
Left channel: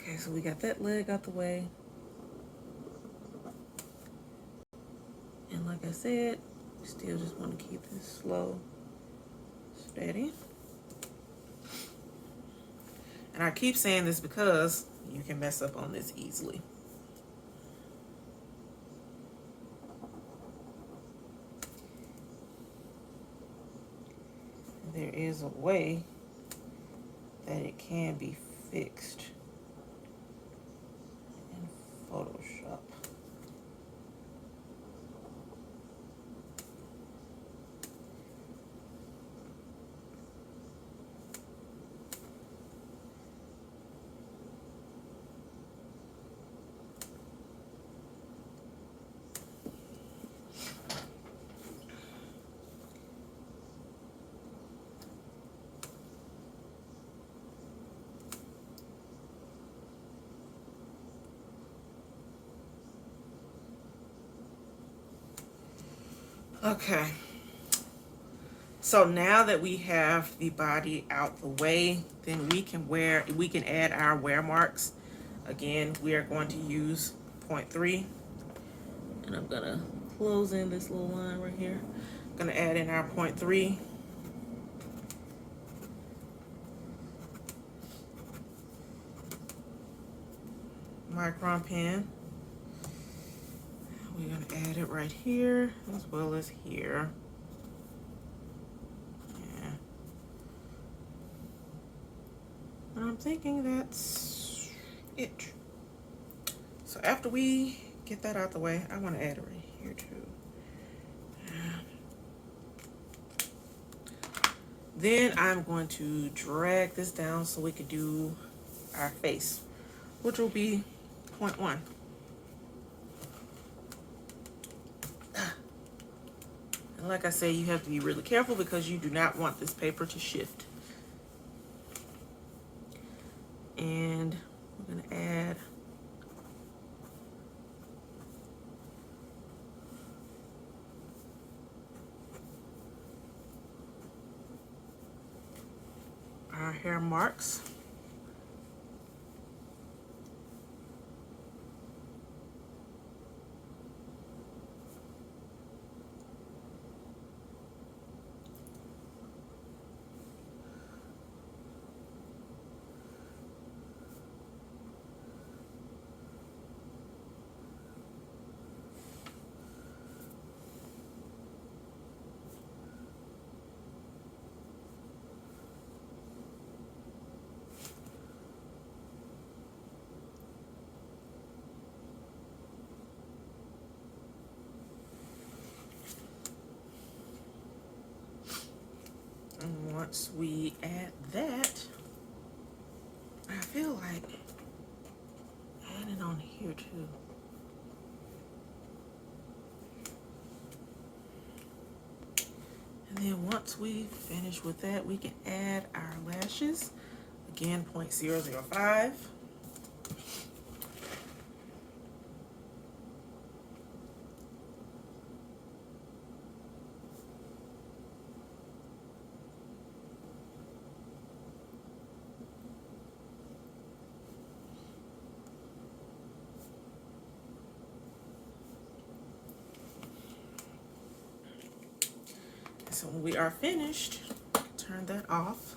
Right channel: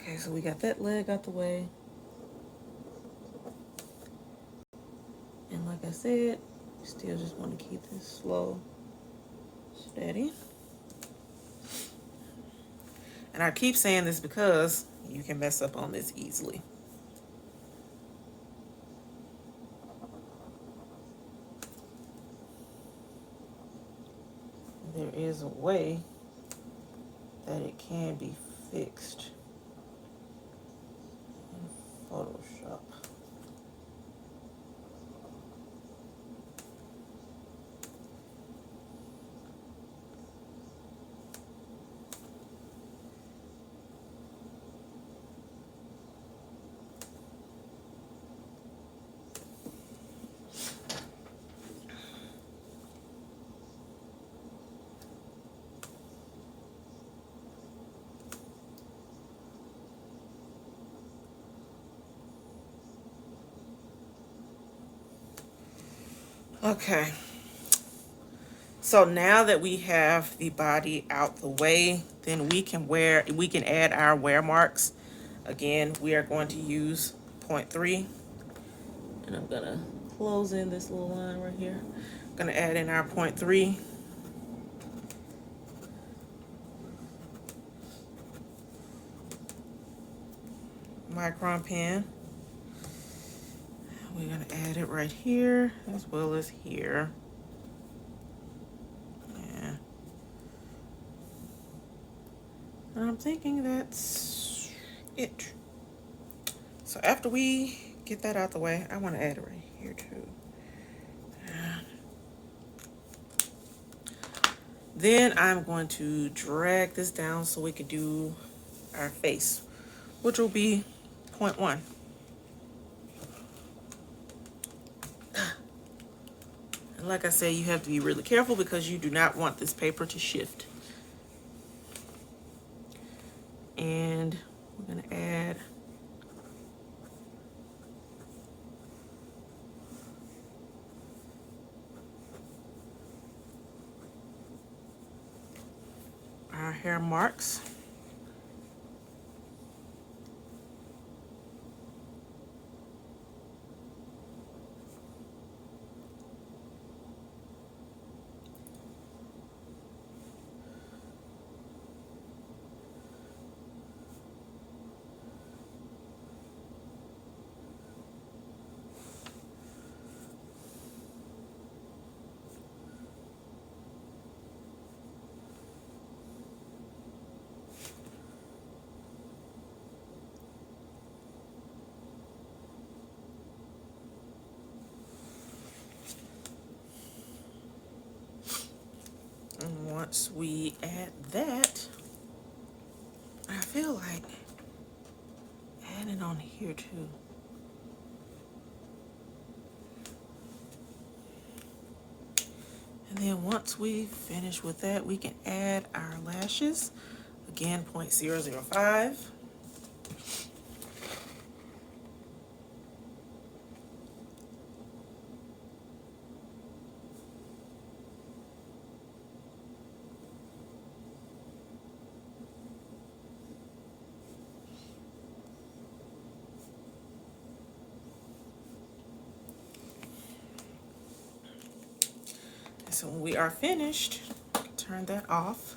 okay, so we got that leg out the way. And like I said, still just want to keep this slow, steady. And I keep saying this because you can mess up on this easily. There is a way that it can be fixed in Photoshop. Okay, so now that we have the body out the way, then we can add our wear marks. Again, we are going to use 0.3, and I'm gonna close in this little line right here. I'm gonna add in our 0.3. Micron pen. We're gonna add it right here as well as here. Yeah. And I'm thinking that's it. So after we get that out the way, I want to add it right here too. Then I'm going to drag this down so we could do our face, which will be 0.1. And like I said, you have to be really careful because you do not want this paper to shift. And I'm going to add our hair marks. And once we add that, I feel like adding on here too. And then once we finish with that, we can add our lashes. Again, 0.005. so when we are finished, turn that off.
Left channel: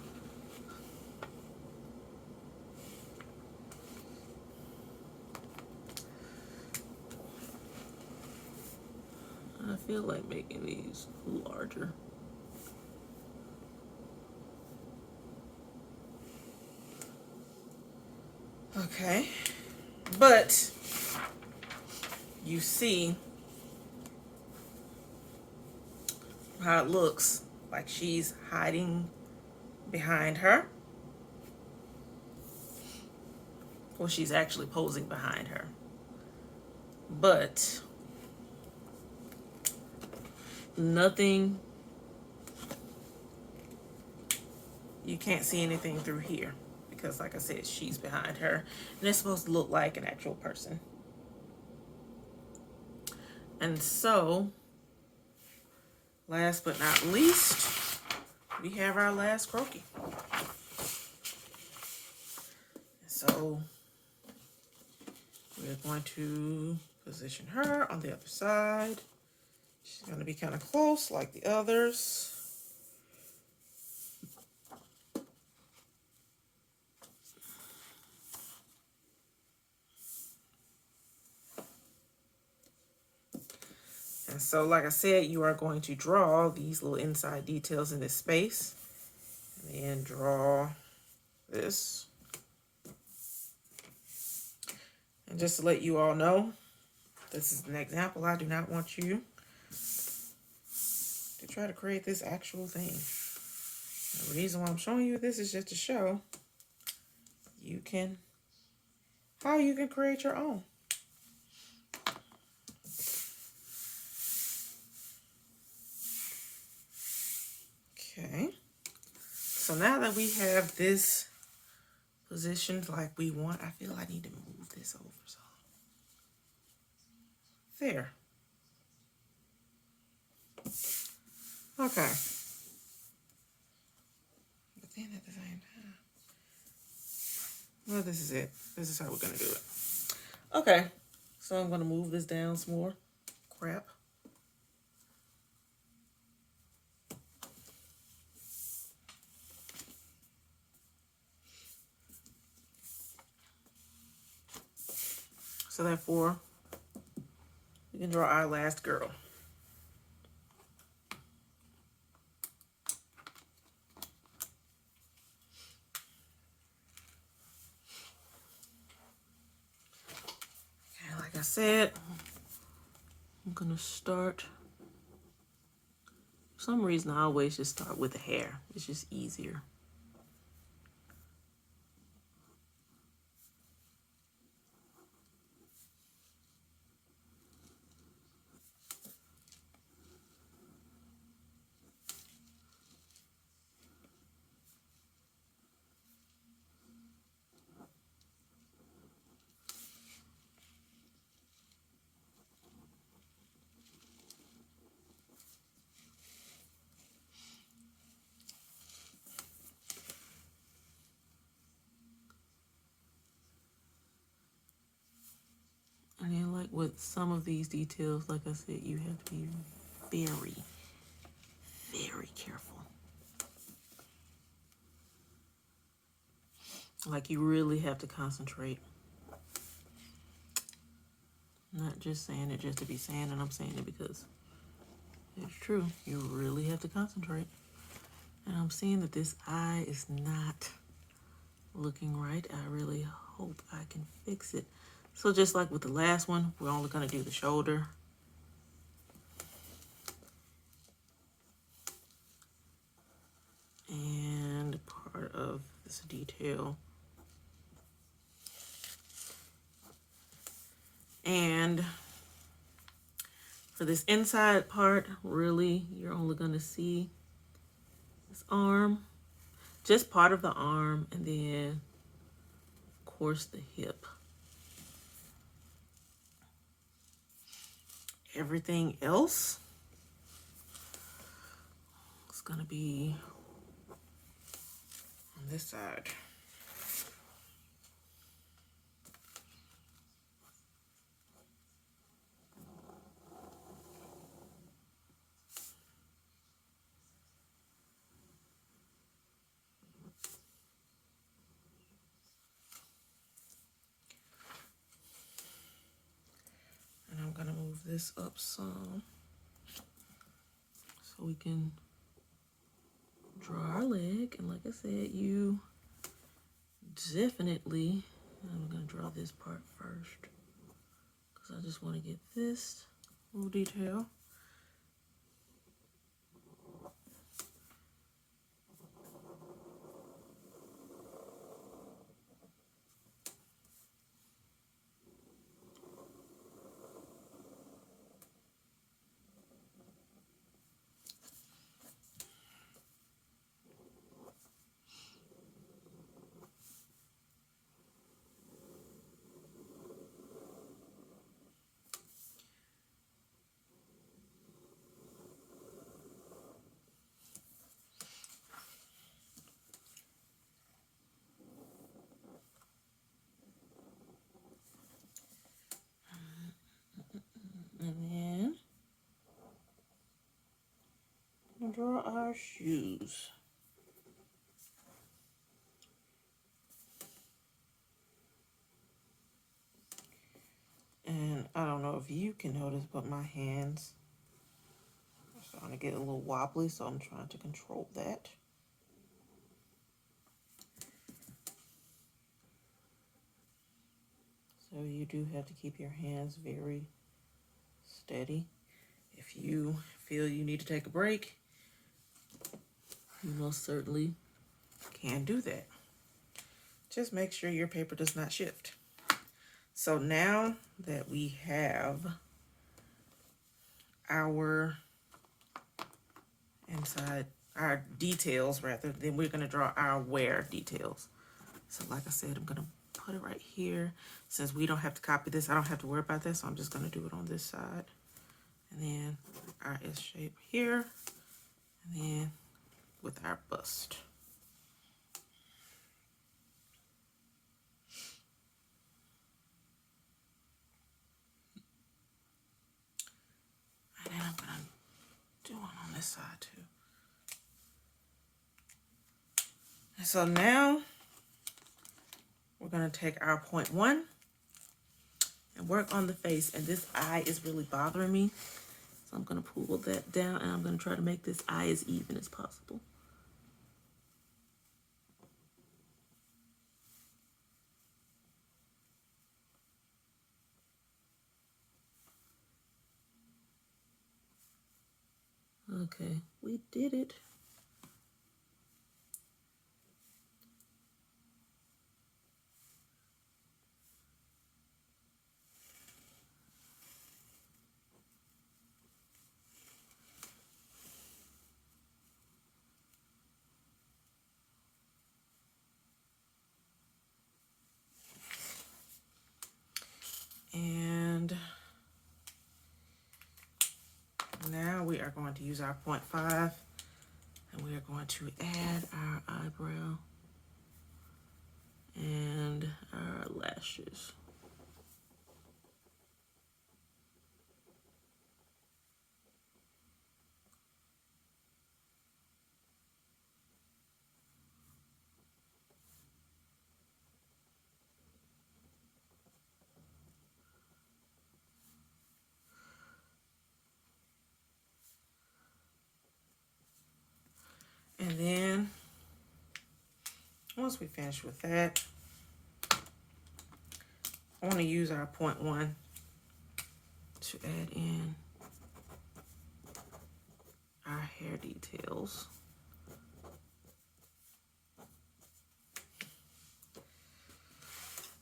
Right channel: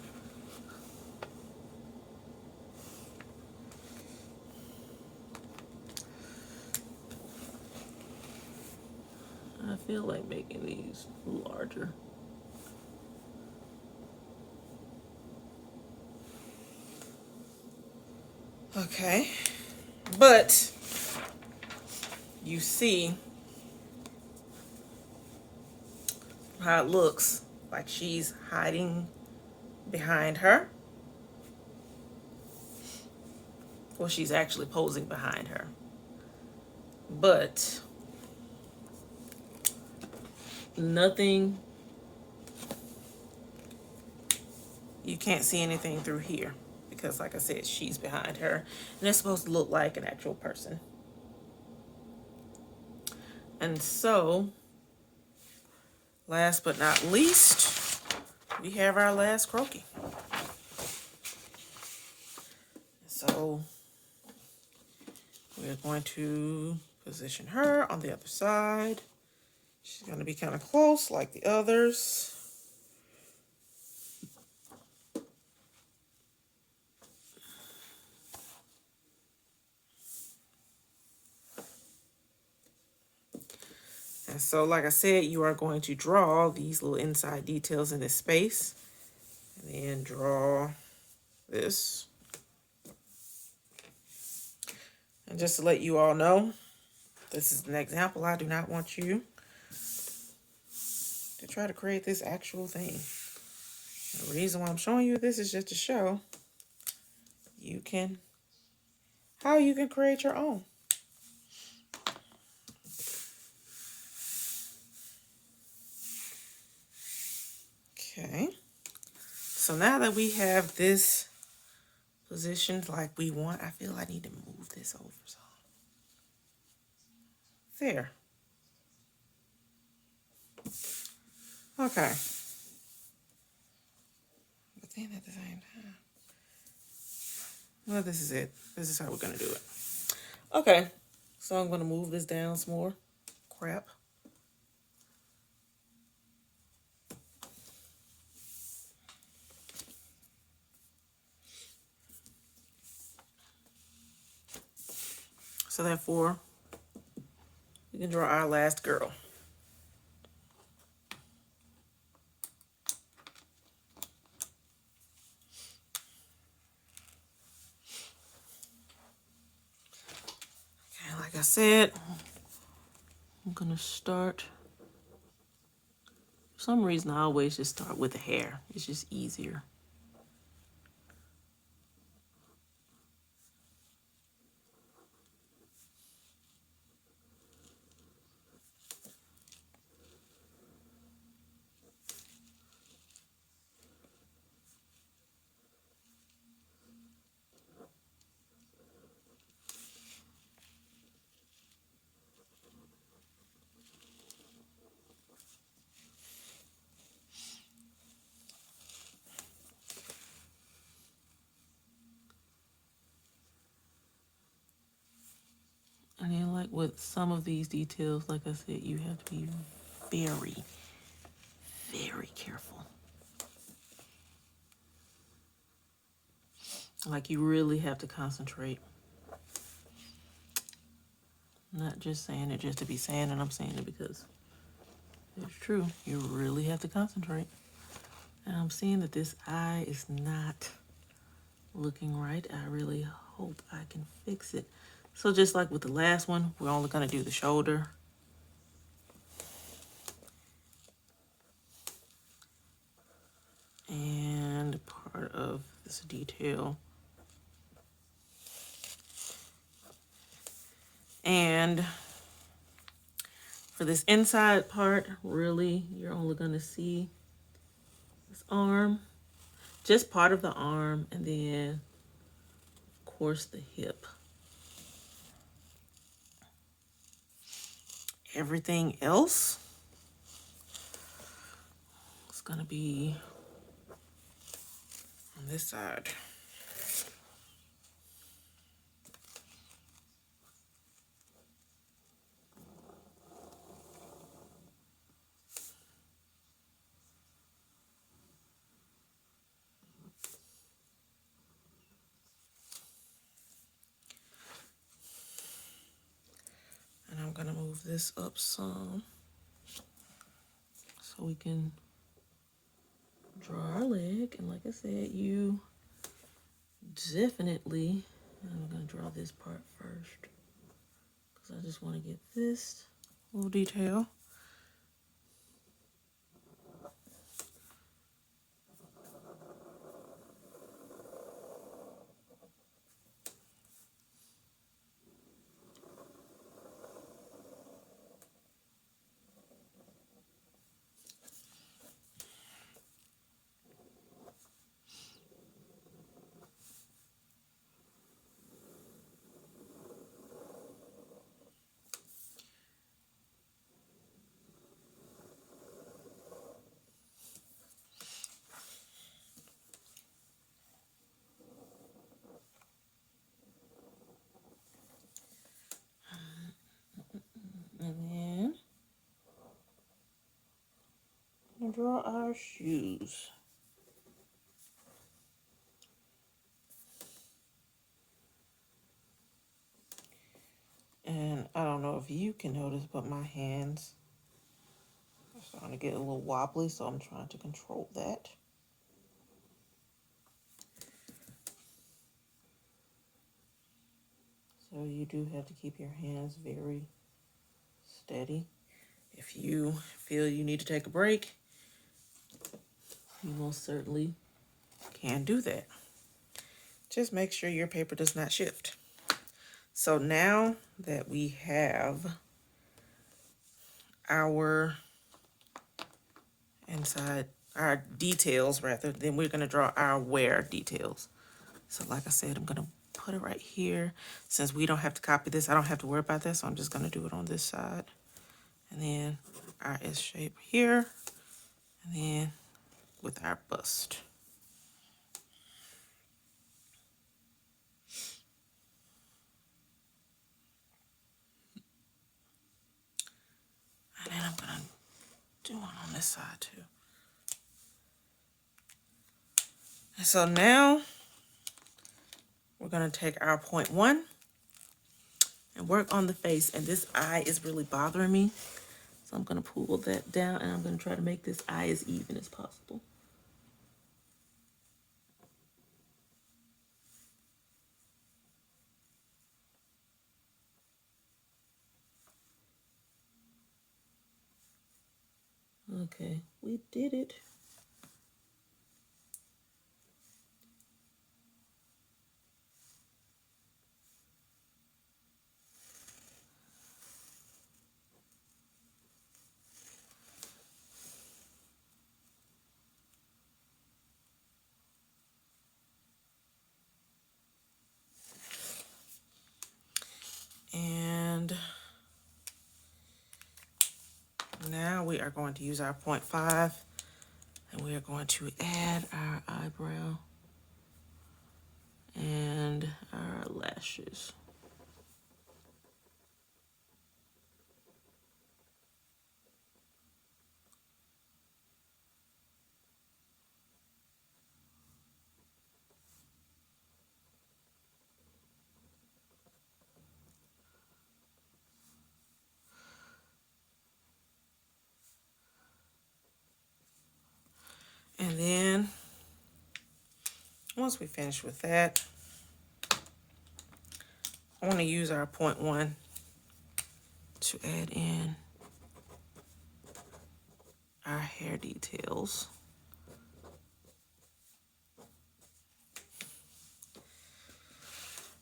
I feel like making these larger. Okay, but you see how it looks like she's hiding behind her. Well, she's actually posing behind her. But nothing, you can't see anything through here because, like I said, she's behind her. And it's supposed to look like an actual person. And so, last but not least, we have our last Croquis. So, we're going to position her on the other side. She's going to be kind of close like the others. And so, like I said, you are going to draw these little inside details in this space. And then draw this. And just to let you all know, this is an example. I do not want you to try to create this actual thing. The reason why I'm showing you this is just to show you can, how you can create your own. Okay. So now that we have this positioned like we want, I feel I need to move this over. So there. Okay. But then at the same time, well, this is it. This is how we're going to do it. Okay. So I'm going to move this down some more. Crap. So therefore, we can draw our last girl. Okay, like I said, I'm gonna start. For some reason, I always just start with the hair. It's just easier. And then, like with some of these details, like I said, you have to be very, very careful. Like you really have to concentrate. Not just saying it just to be saying it, I'm saying it because it's true. You really have to concentrate. And I'm seeing that this eye is not looking right. I really hope I can fix it. So just like with the last one, we're only going to do the shoulder. And part of this detail. And for this inside part, really, you're only going to see this arm, just part of the arm, and then, of course, the hip. Everything else is going to be on this side. this up some so we can draw our leg. And like I said, you definitely, I'm gonna draw this part first because I just want to get this little detail. And then we'll draw our shoes. And I don't know if you can notice, but my hands are starting to get a little wobbly, so I'm trying to control that. So you do have to keep your hands very steady. If you feel you need to take a break, you most certainly can do that. Just make sure your paper does not shift. So now that we have our inside, our details rather, then we're gonna draw our wear details. So like I said, I'm gonna put it right here. Since we don't have to copy this, I don't have to worry about this, so I'm just gonna do it on this side. And then our S shape here, and then with our bust. And then I'm gonna do one on this side too. And so now we're gonna take our 0.1 and work on the face. And this eye is really bothering me. So I'm gonna pull that down and I'm gonna try to make this eye as even as possible. Okay, we did it. And now we are going to use our 0.5 and we are going to add our eyebrow and our lashes. And then once we finish with that, I want to use our 0.1 to add in our hair details.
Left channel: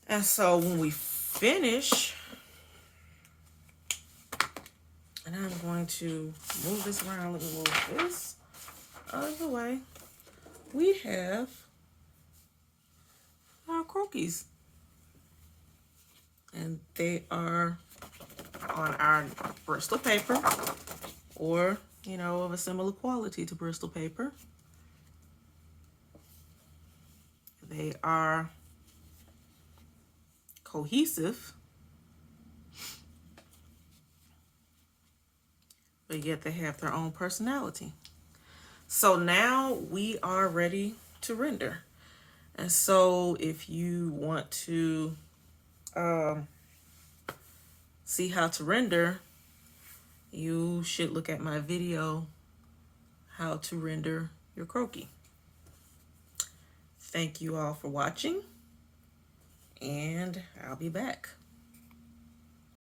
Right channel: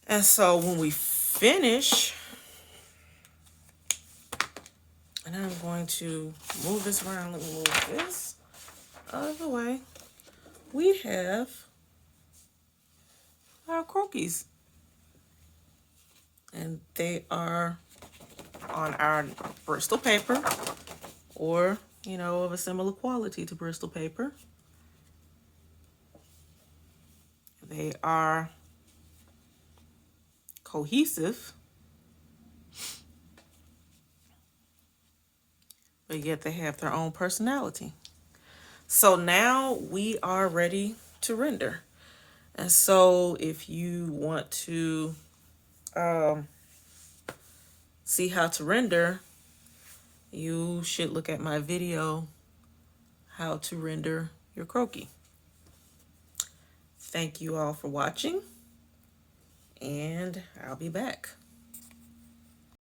And so when we finish, and then I'm going to move this around. Let me move this out of the way. We have our croquis. And they are on our Bristol paper, or, you know, of a similar quality to Bristol paper. They are cohesive, but yet they have their own personality. So now we are ready to render. And so if you want to see how to render, you should look at my video, how to render your croquis. Thank you all for watching, and I'll be back.